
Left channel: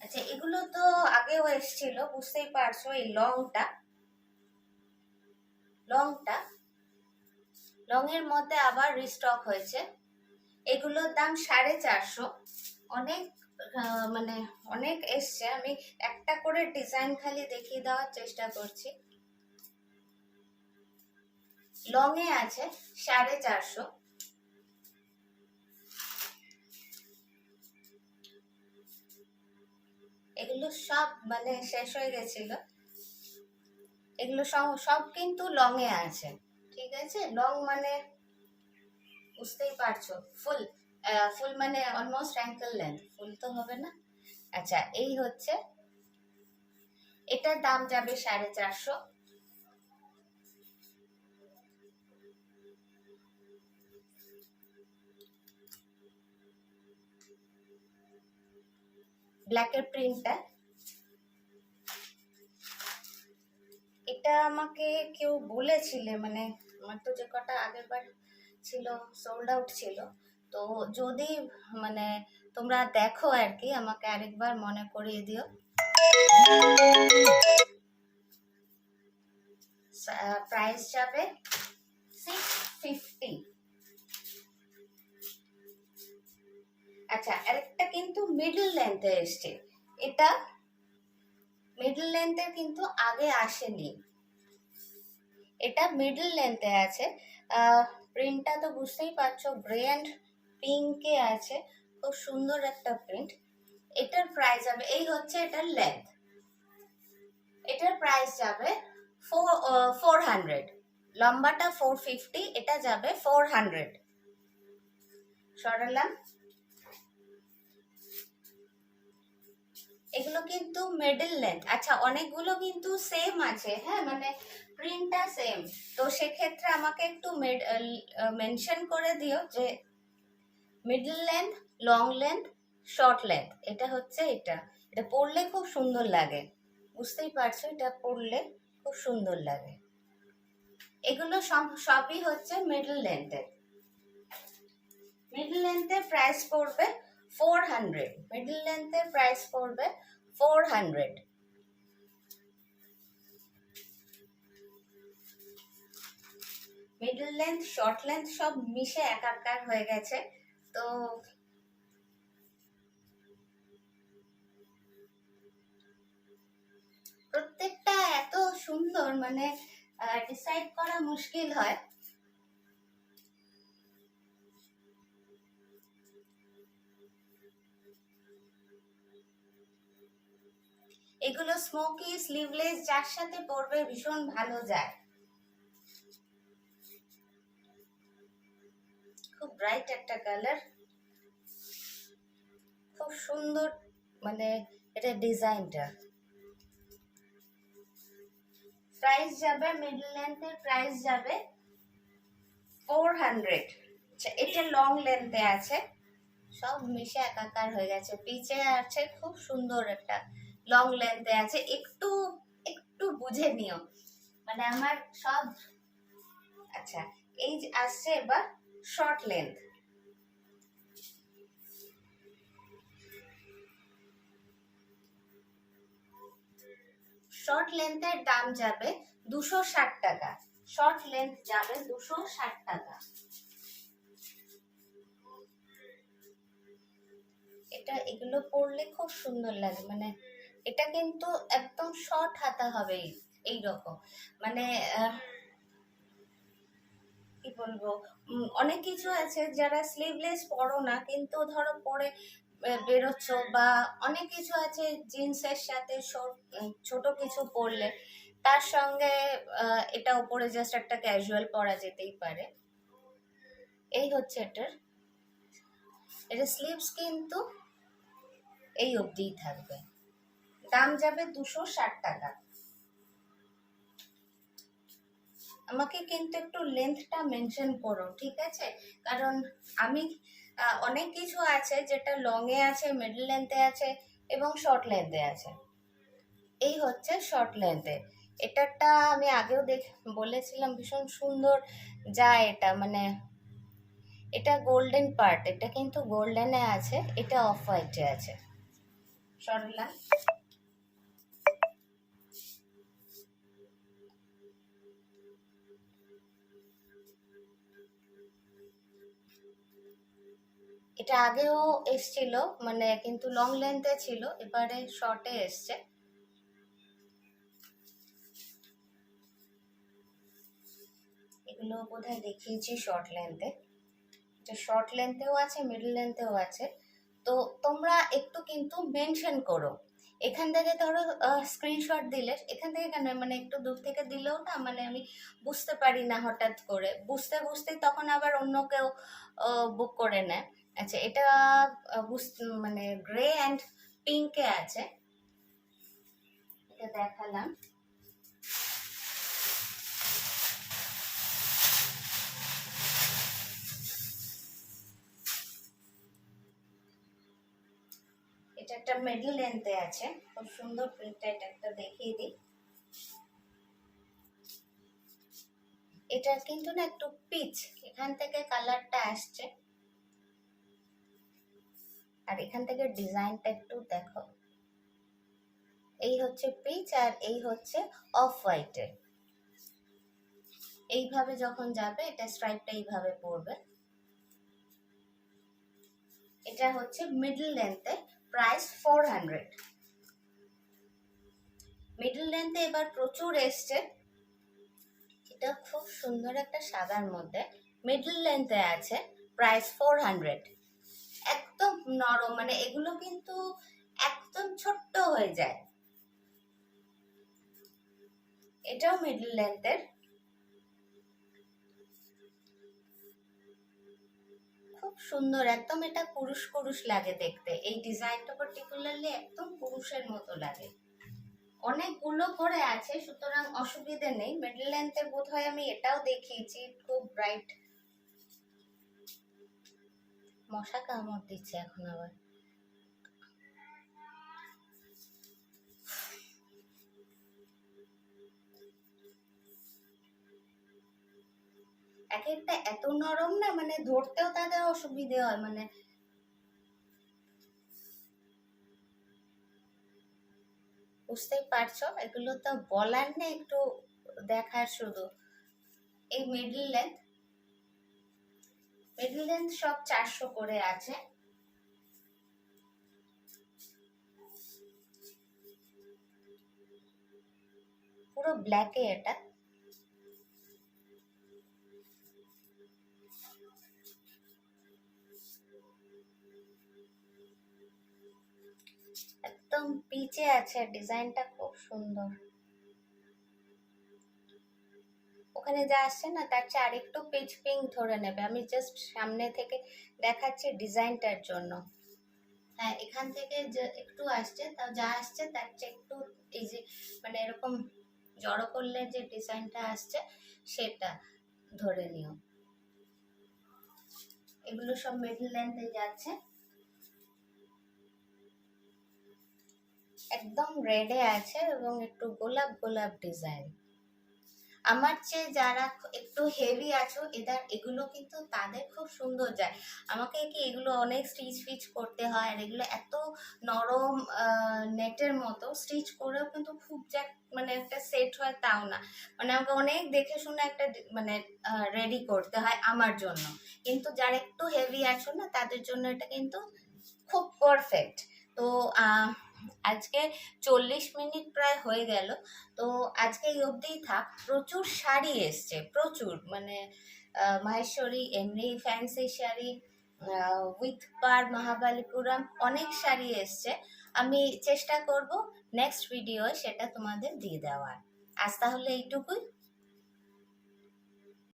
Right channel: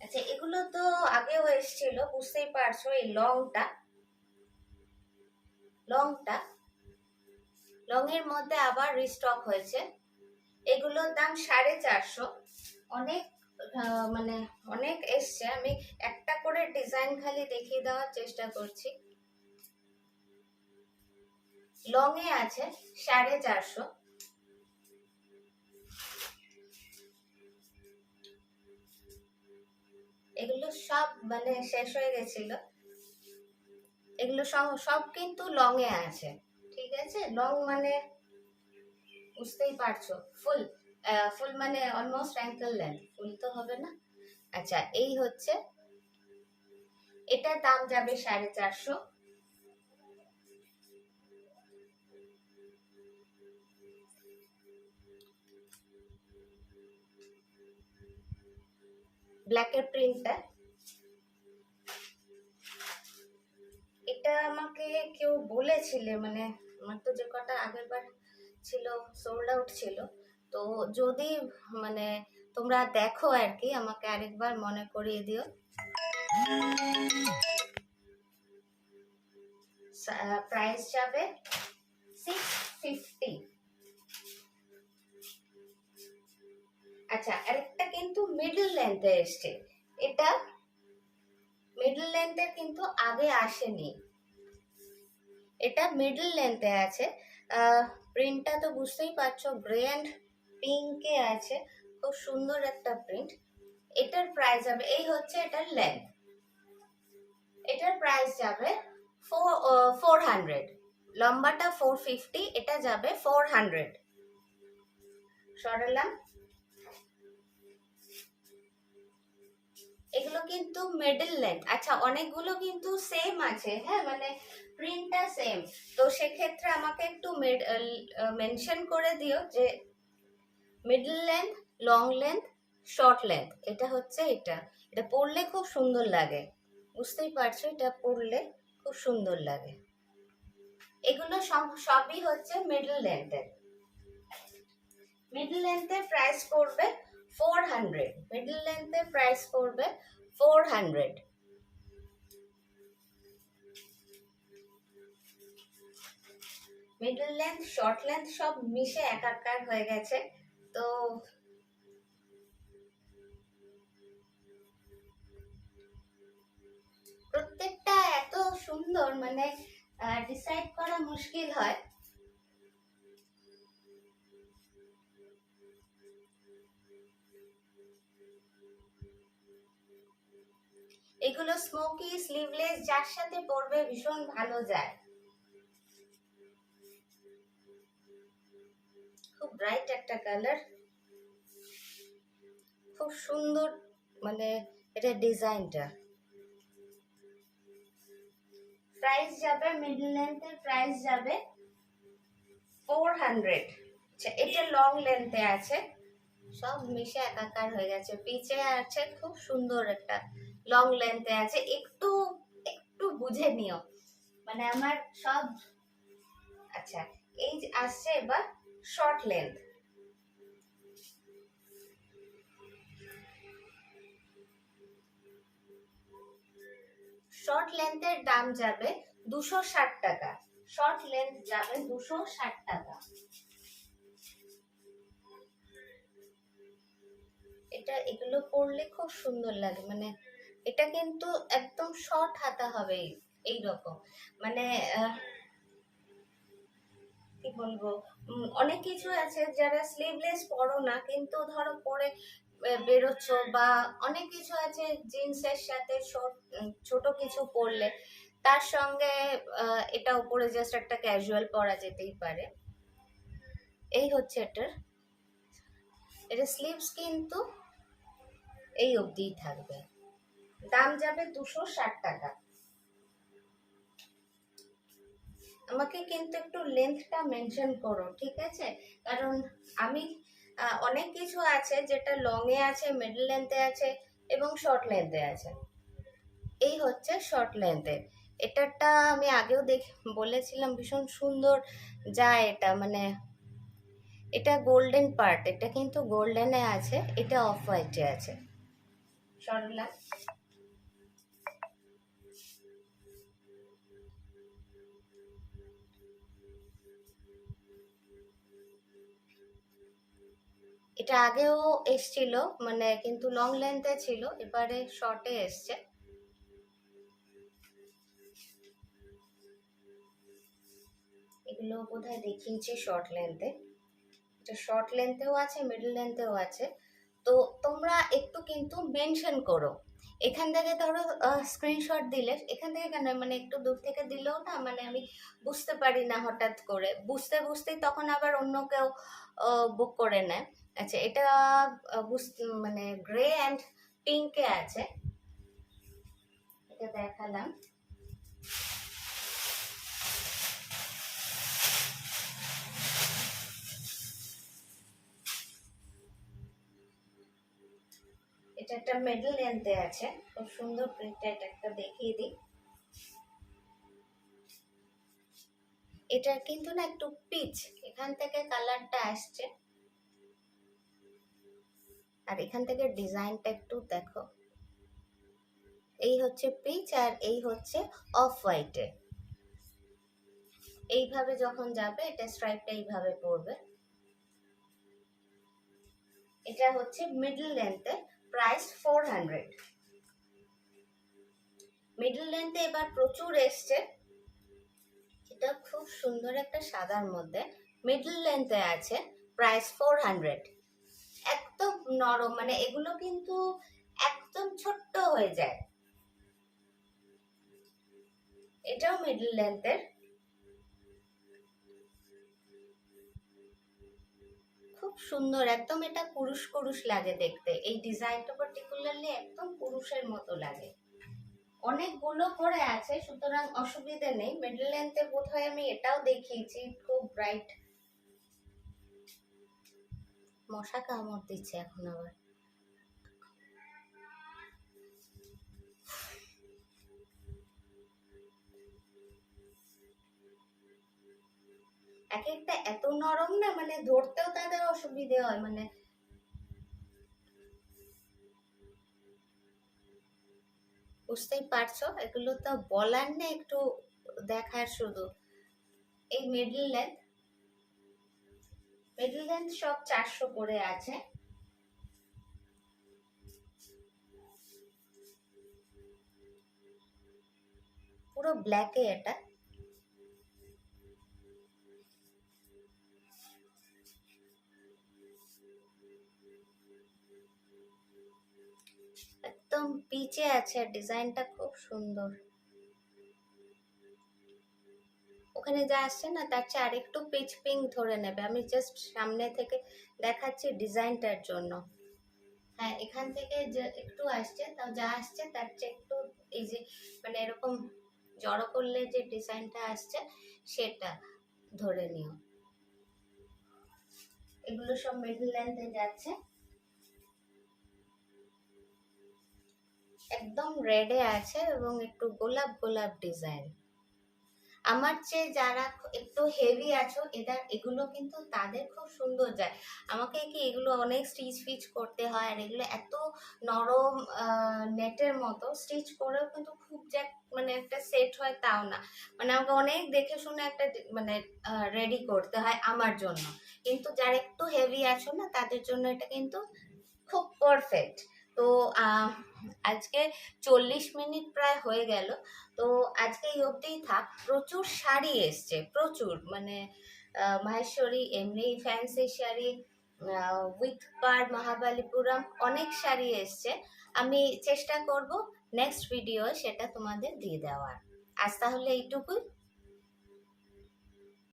আচ্ছা, এগুলো তো আগেও এসেছিল, বুঝতেই পারছো। এই লংটা লং এর মধ্যে আবার রিস্টক হয়েছে। এগুলোর দাম 450। অনেক মানে অনেক এসছে, আমি একটা করে ডিজাইন খালি দেখিয়ে দেওয়ার চেষ্টা করছি। লং এ আছে 450। এগুলো সব মানে শেষ হয়ে গেছিল, এগুলো সব কিন্তু লং এ আছে। ঠিক আছে, লং মানে বুঝতেই পারছো, ফুল ফুল মানে অলমোস্ট অ্যাঙ্কেল লেন্থ, ফুল তো হবে না। আচ্ছা, এই হচ্ছে, এটার দাম যাবে 450। ব্ল্যাকের প্রিন্টটা, এটা আমাকে কেউ বলেছিলে, মানে আমার তো যে কটা আগের বার ছিল সোল্ড আউট ছিল। তো যদি মানে তোমরা দেখো আর কি, আমাকে আরেকবার মনে করিয়ে দিও। প্রাইস যাবে 650। আচ্ছা, আরেকটা কিন্তু মিডল লেন্থে এসছে। এটা মিডল লেন্থের কিন্তু আগে আসেনি, এটা মিডল লেন্থে আছে। প্রিন্টটা তো বুঝতেই পারছো, গ্রে অ্যান্ড পিঙ্কে আছে, খুব সুন্দর একটা প্রিন্ট। এটার প্রাইস যাবে, এই হচ্ছে এটার লেন্থ, এটার প্রাইস যাবে 400। লম্বাটা 450, এটা যাবে 400। সরালাম। এগুলো কিন্তু মিডল লেন্থ। আচ্ছা, অনেকগুলো কিন্তু সেম আছে, হ্যাঁ, মানে প্রিন্টটা সেম, তো সেক্ষেত্রে আমাকে একটু মেনশন করে দিও যে middle length, long length, short length. এটা হচ্ছে এটা, এটা পরলে খুব সুন্দর লাগে, বুঝতেই পারছো, এটা পরলে খুব সুন্দর লাগে। এগুলো সবই হচ্ছে মিডল লেন্থের। মিডল লেন্থের প্রাইস পড়বে 400। মিডল লেন্থের প্রাইস পড়বে 400। মিডল লেন্থ, শর্ট লেন্থ সব মিশে একাকার হয়ে গেছে। তো প্রত্যেকটা এত সুন্দর, মানে ডিসাইড করা মুশকিল হয়। এগুলো স্মোকি স্লিভলেস যার সাথে পরবে ভীষণ ভালো যায়। খুব ব্রাইট একটা কালার, খুব সুন্দর, মানে এটা ডিজাইনটা। প্রাইস যাবে, মিডল লেন্থের প্রাইস যাবে 400। আচ্ছা, এটা লং লেন্থে আছে, সব মিশে একাকার হয়ে গেছে। পিছে আছে খুব সুন্দর একটা লং লেন্থে আছে, একটু একটু বুঝে নিও, মানে আমার সব। আচ্ছা, এই যে আসছে এবার শর্ট লেন্থ। শর্ট লেন্থের দাম যাবে 260 টাকা। শর্ট লেন্থ যাবে 260 টাকা। এটা এগুলো পরলে খুব সুন্দর লাগে, মানে এটা কিন্তু একদম শর্ট হাতা হবে, এই রকম, মানে কি বলবো, অনেক কিছু আছে যারা স্লিভলেস পরো না, কিন্তু ধরো পরে বেরোচ্ছ, বা অনেক কিছু আছে জিন্সের সাথে ছোট কিছু পরলে তার সঙ্গে এটা উপরে জাস্ট একটা ক্যাজুয়াল পরা যেতেই পারে। এই হচ্ছে এটার, এটা স্লিভস কিন্তু এই অবধিই থাকবে। দাম যাবে 260 টাকা। আমাকে কিন্তু একটু লেন্থটা মেনশন করো, ঠিক আছে? কারণ আমি অনেক কিছু আছে যেটা লং এ আছে, মিডল লেন্থে আছে এবং শর্ট লেন্থে আছে। এই হচ্ছে শর্ট লেন্থে। এটারটা আমি আগেও বলেছিলাম ভীষণ সুন্দর যায় এটা, মানে এটা গোল্ডেন পার্ট, এটা কিন্তু গোল্ডেনে আছে, এটা অফ হোয়াইটে আছে। সরলা, এটা আগেও এসছিল, মানে কিন্তু লং লেন্থে ছিল, এবারে শর্টে এসছে। এগুলো বোধহয় দেখিয়েছি শর্ট লেন্থে, এটা শর্ট লেন্থেও আছে, মিডল লেন্থেও আছে। তো তোমরা একটু কিন্তু মেনশন করো, এখান থেকে ধরো স্ক্রিনশট দিলে, এখান থেকে কেন, মানে একটু দূর থেকে দিলেও না, মানে আমি বুঝতে পারি না, হঠাৎ করে বুঝতে বুঝতেই তখন আবার অন্য কেউ বুক করে নেয়। আচ্ছা, এটা মানে গ্রে অ্যান্ড পিঙ্কে আছে, এটা দেখালাম। এটা একটা মিডল লেন্থে আছে, খুব সুন্দর প্রিন্টটা, এটা একটা দেখিয়ে দিই। এটা কিন্তু না একটু পিচ, এখান থেকে কালারটা আসছে, আর এখান থেকে ডিজাইনটা একটু দেখো, এই হচ্ছে পিচ আর এই হচ্ছে অফ হোয়াইটে। এইভাবে যখন যাবে, এটা স্ট্রাইপটা এইভাবে পড়বে। এটা হচ্ছে মিডল লেন্থে, প্রাইস 400। মিডল লেন্থে এবার প্রচুর এসছে, এটা খুব সুন্দর একটা সাদার মধ্যে, মিডল লেন্থে আছে, প্রাইস 400। একদম নরম, মানে এগুলো কিন্তু একদম ছোট্ট হয়ে যায়। এটাও মিডল লেন্থের, খুব সুন্দর, একদম এটা পুরুষ পুরুষ লাগে দেখতে। এই ডিজাইনটা পার্টিকুলারলি একদম পুরুষের মতো লাগে। অনেকগুলো করে আছে, সুতরাং অসুবিধে নেই। মিডল লেন্থে বোধহয় আমি এটাও দেখিয়েছি, খুব ব্রাইট। মশা কামড় দিচ্ছে এখন আবার। এক একটা এত নরম না, মানে ধরতেও তাদের অসুবিধে হয়, মানে বুঝতেই পারছো, এগুলো তো বলার নেই, একটু দেখার শুধু। এই মিডল লেন্থ সব 400 করে আছে। পুরো ব্ল্যাকে এটা। একদম পিচে আছে, ডিজাইনটা খুব সুন্দর। ওখানে যা আসছে না তার চেয়ে আরেকটু পিচ পিঙ্ক ধরে নেবে। আমি জাস্ট সামনে থেকে দেখাচ্ছি ডিজাইনটার জন্য। হ্যাঁ, এখান থেকে যে একটু আসছে, তাও যা আসছে তার চেয়ে একটু, এই যে মানে এরকম জড়ো করলে যে ডিজাইনটা আসছে সেটা ধরে নিও। এগুলো সব মিডল লেন্থে যাচ্ছে। একদম রেডে আছে এবং একটু গোলাপ গোলাপ ডিজাইন। আমার চেয়ে যারা একটু হেভি আছো, এগুলো কিন্তু তাদের খুব সুন্দর যায়। আমাকে কি এগুলো অনেক স্টিচ ফিচ করতে হয়, আর এগুলো এত নরম নেটের মতো, স্টিচ করেও কিন্তু খুব যে মানে একটা সেট হয় তাও না। মানে আমাকে অনেক দেখে শুনে একটা মানে রেডি করতে হয় আমার জন্য। কিন্তু যারা একটু হেভি আছো না, তাদের জন্য এটা কিন্তু খুব পারফেক্ট। তো আজকে 40 মিনিট প্রায় হয়ে গেল। তো আজকে এই অবধিই থাক। প্রচুর শাড়ি এসছে, প্রচুর, মানে মাহেশ্বরী, এমনি ফ্যান্সি শাড়ি, উইথ পার, মহাবালিপুরম, অনেক শাড়ি এসছে। আমি চেষ্টা করব নেক্সট ভিডিও সেটা তোমাদের দিয়ে দেওয়ার। আজ তাহলে এইটুকুই।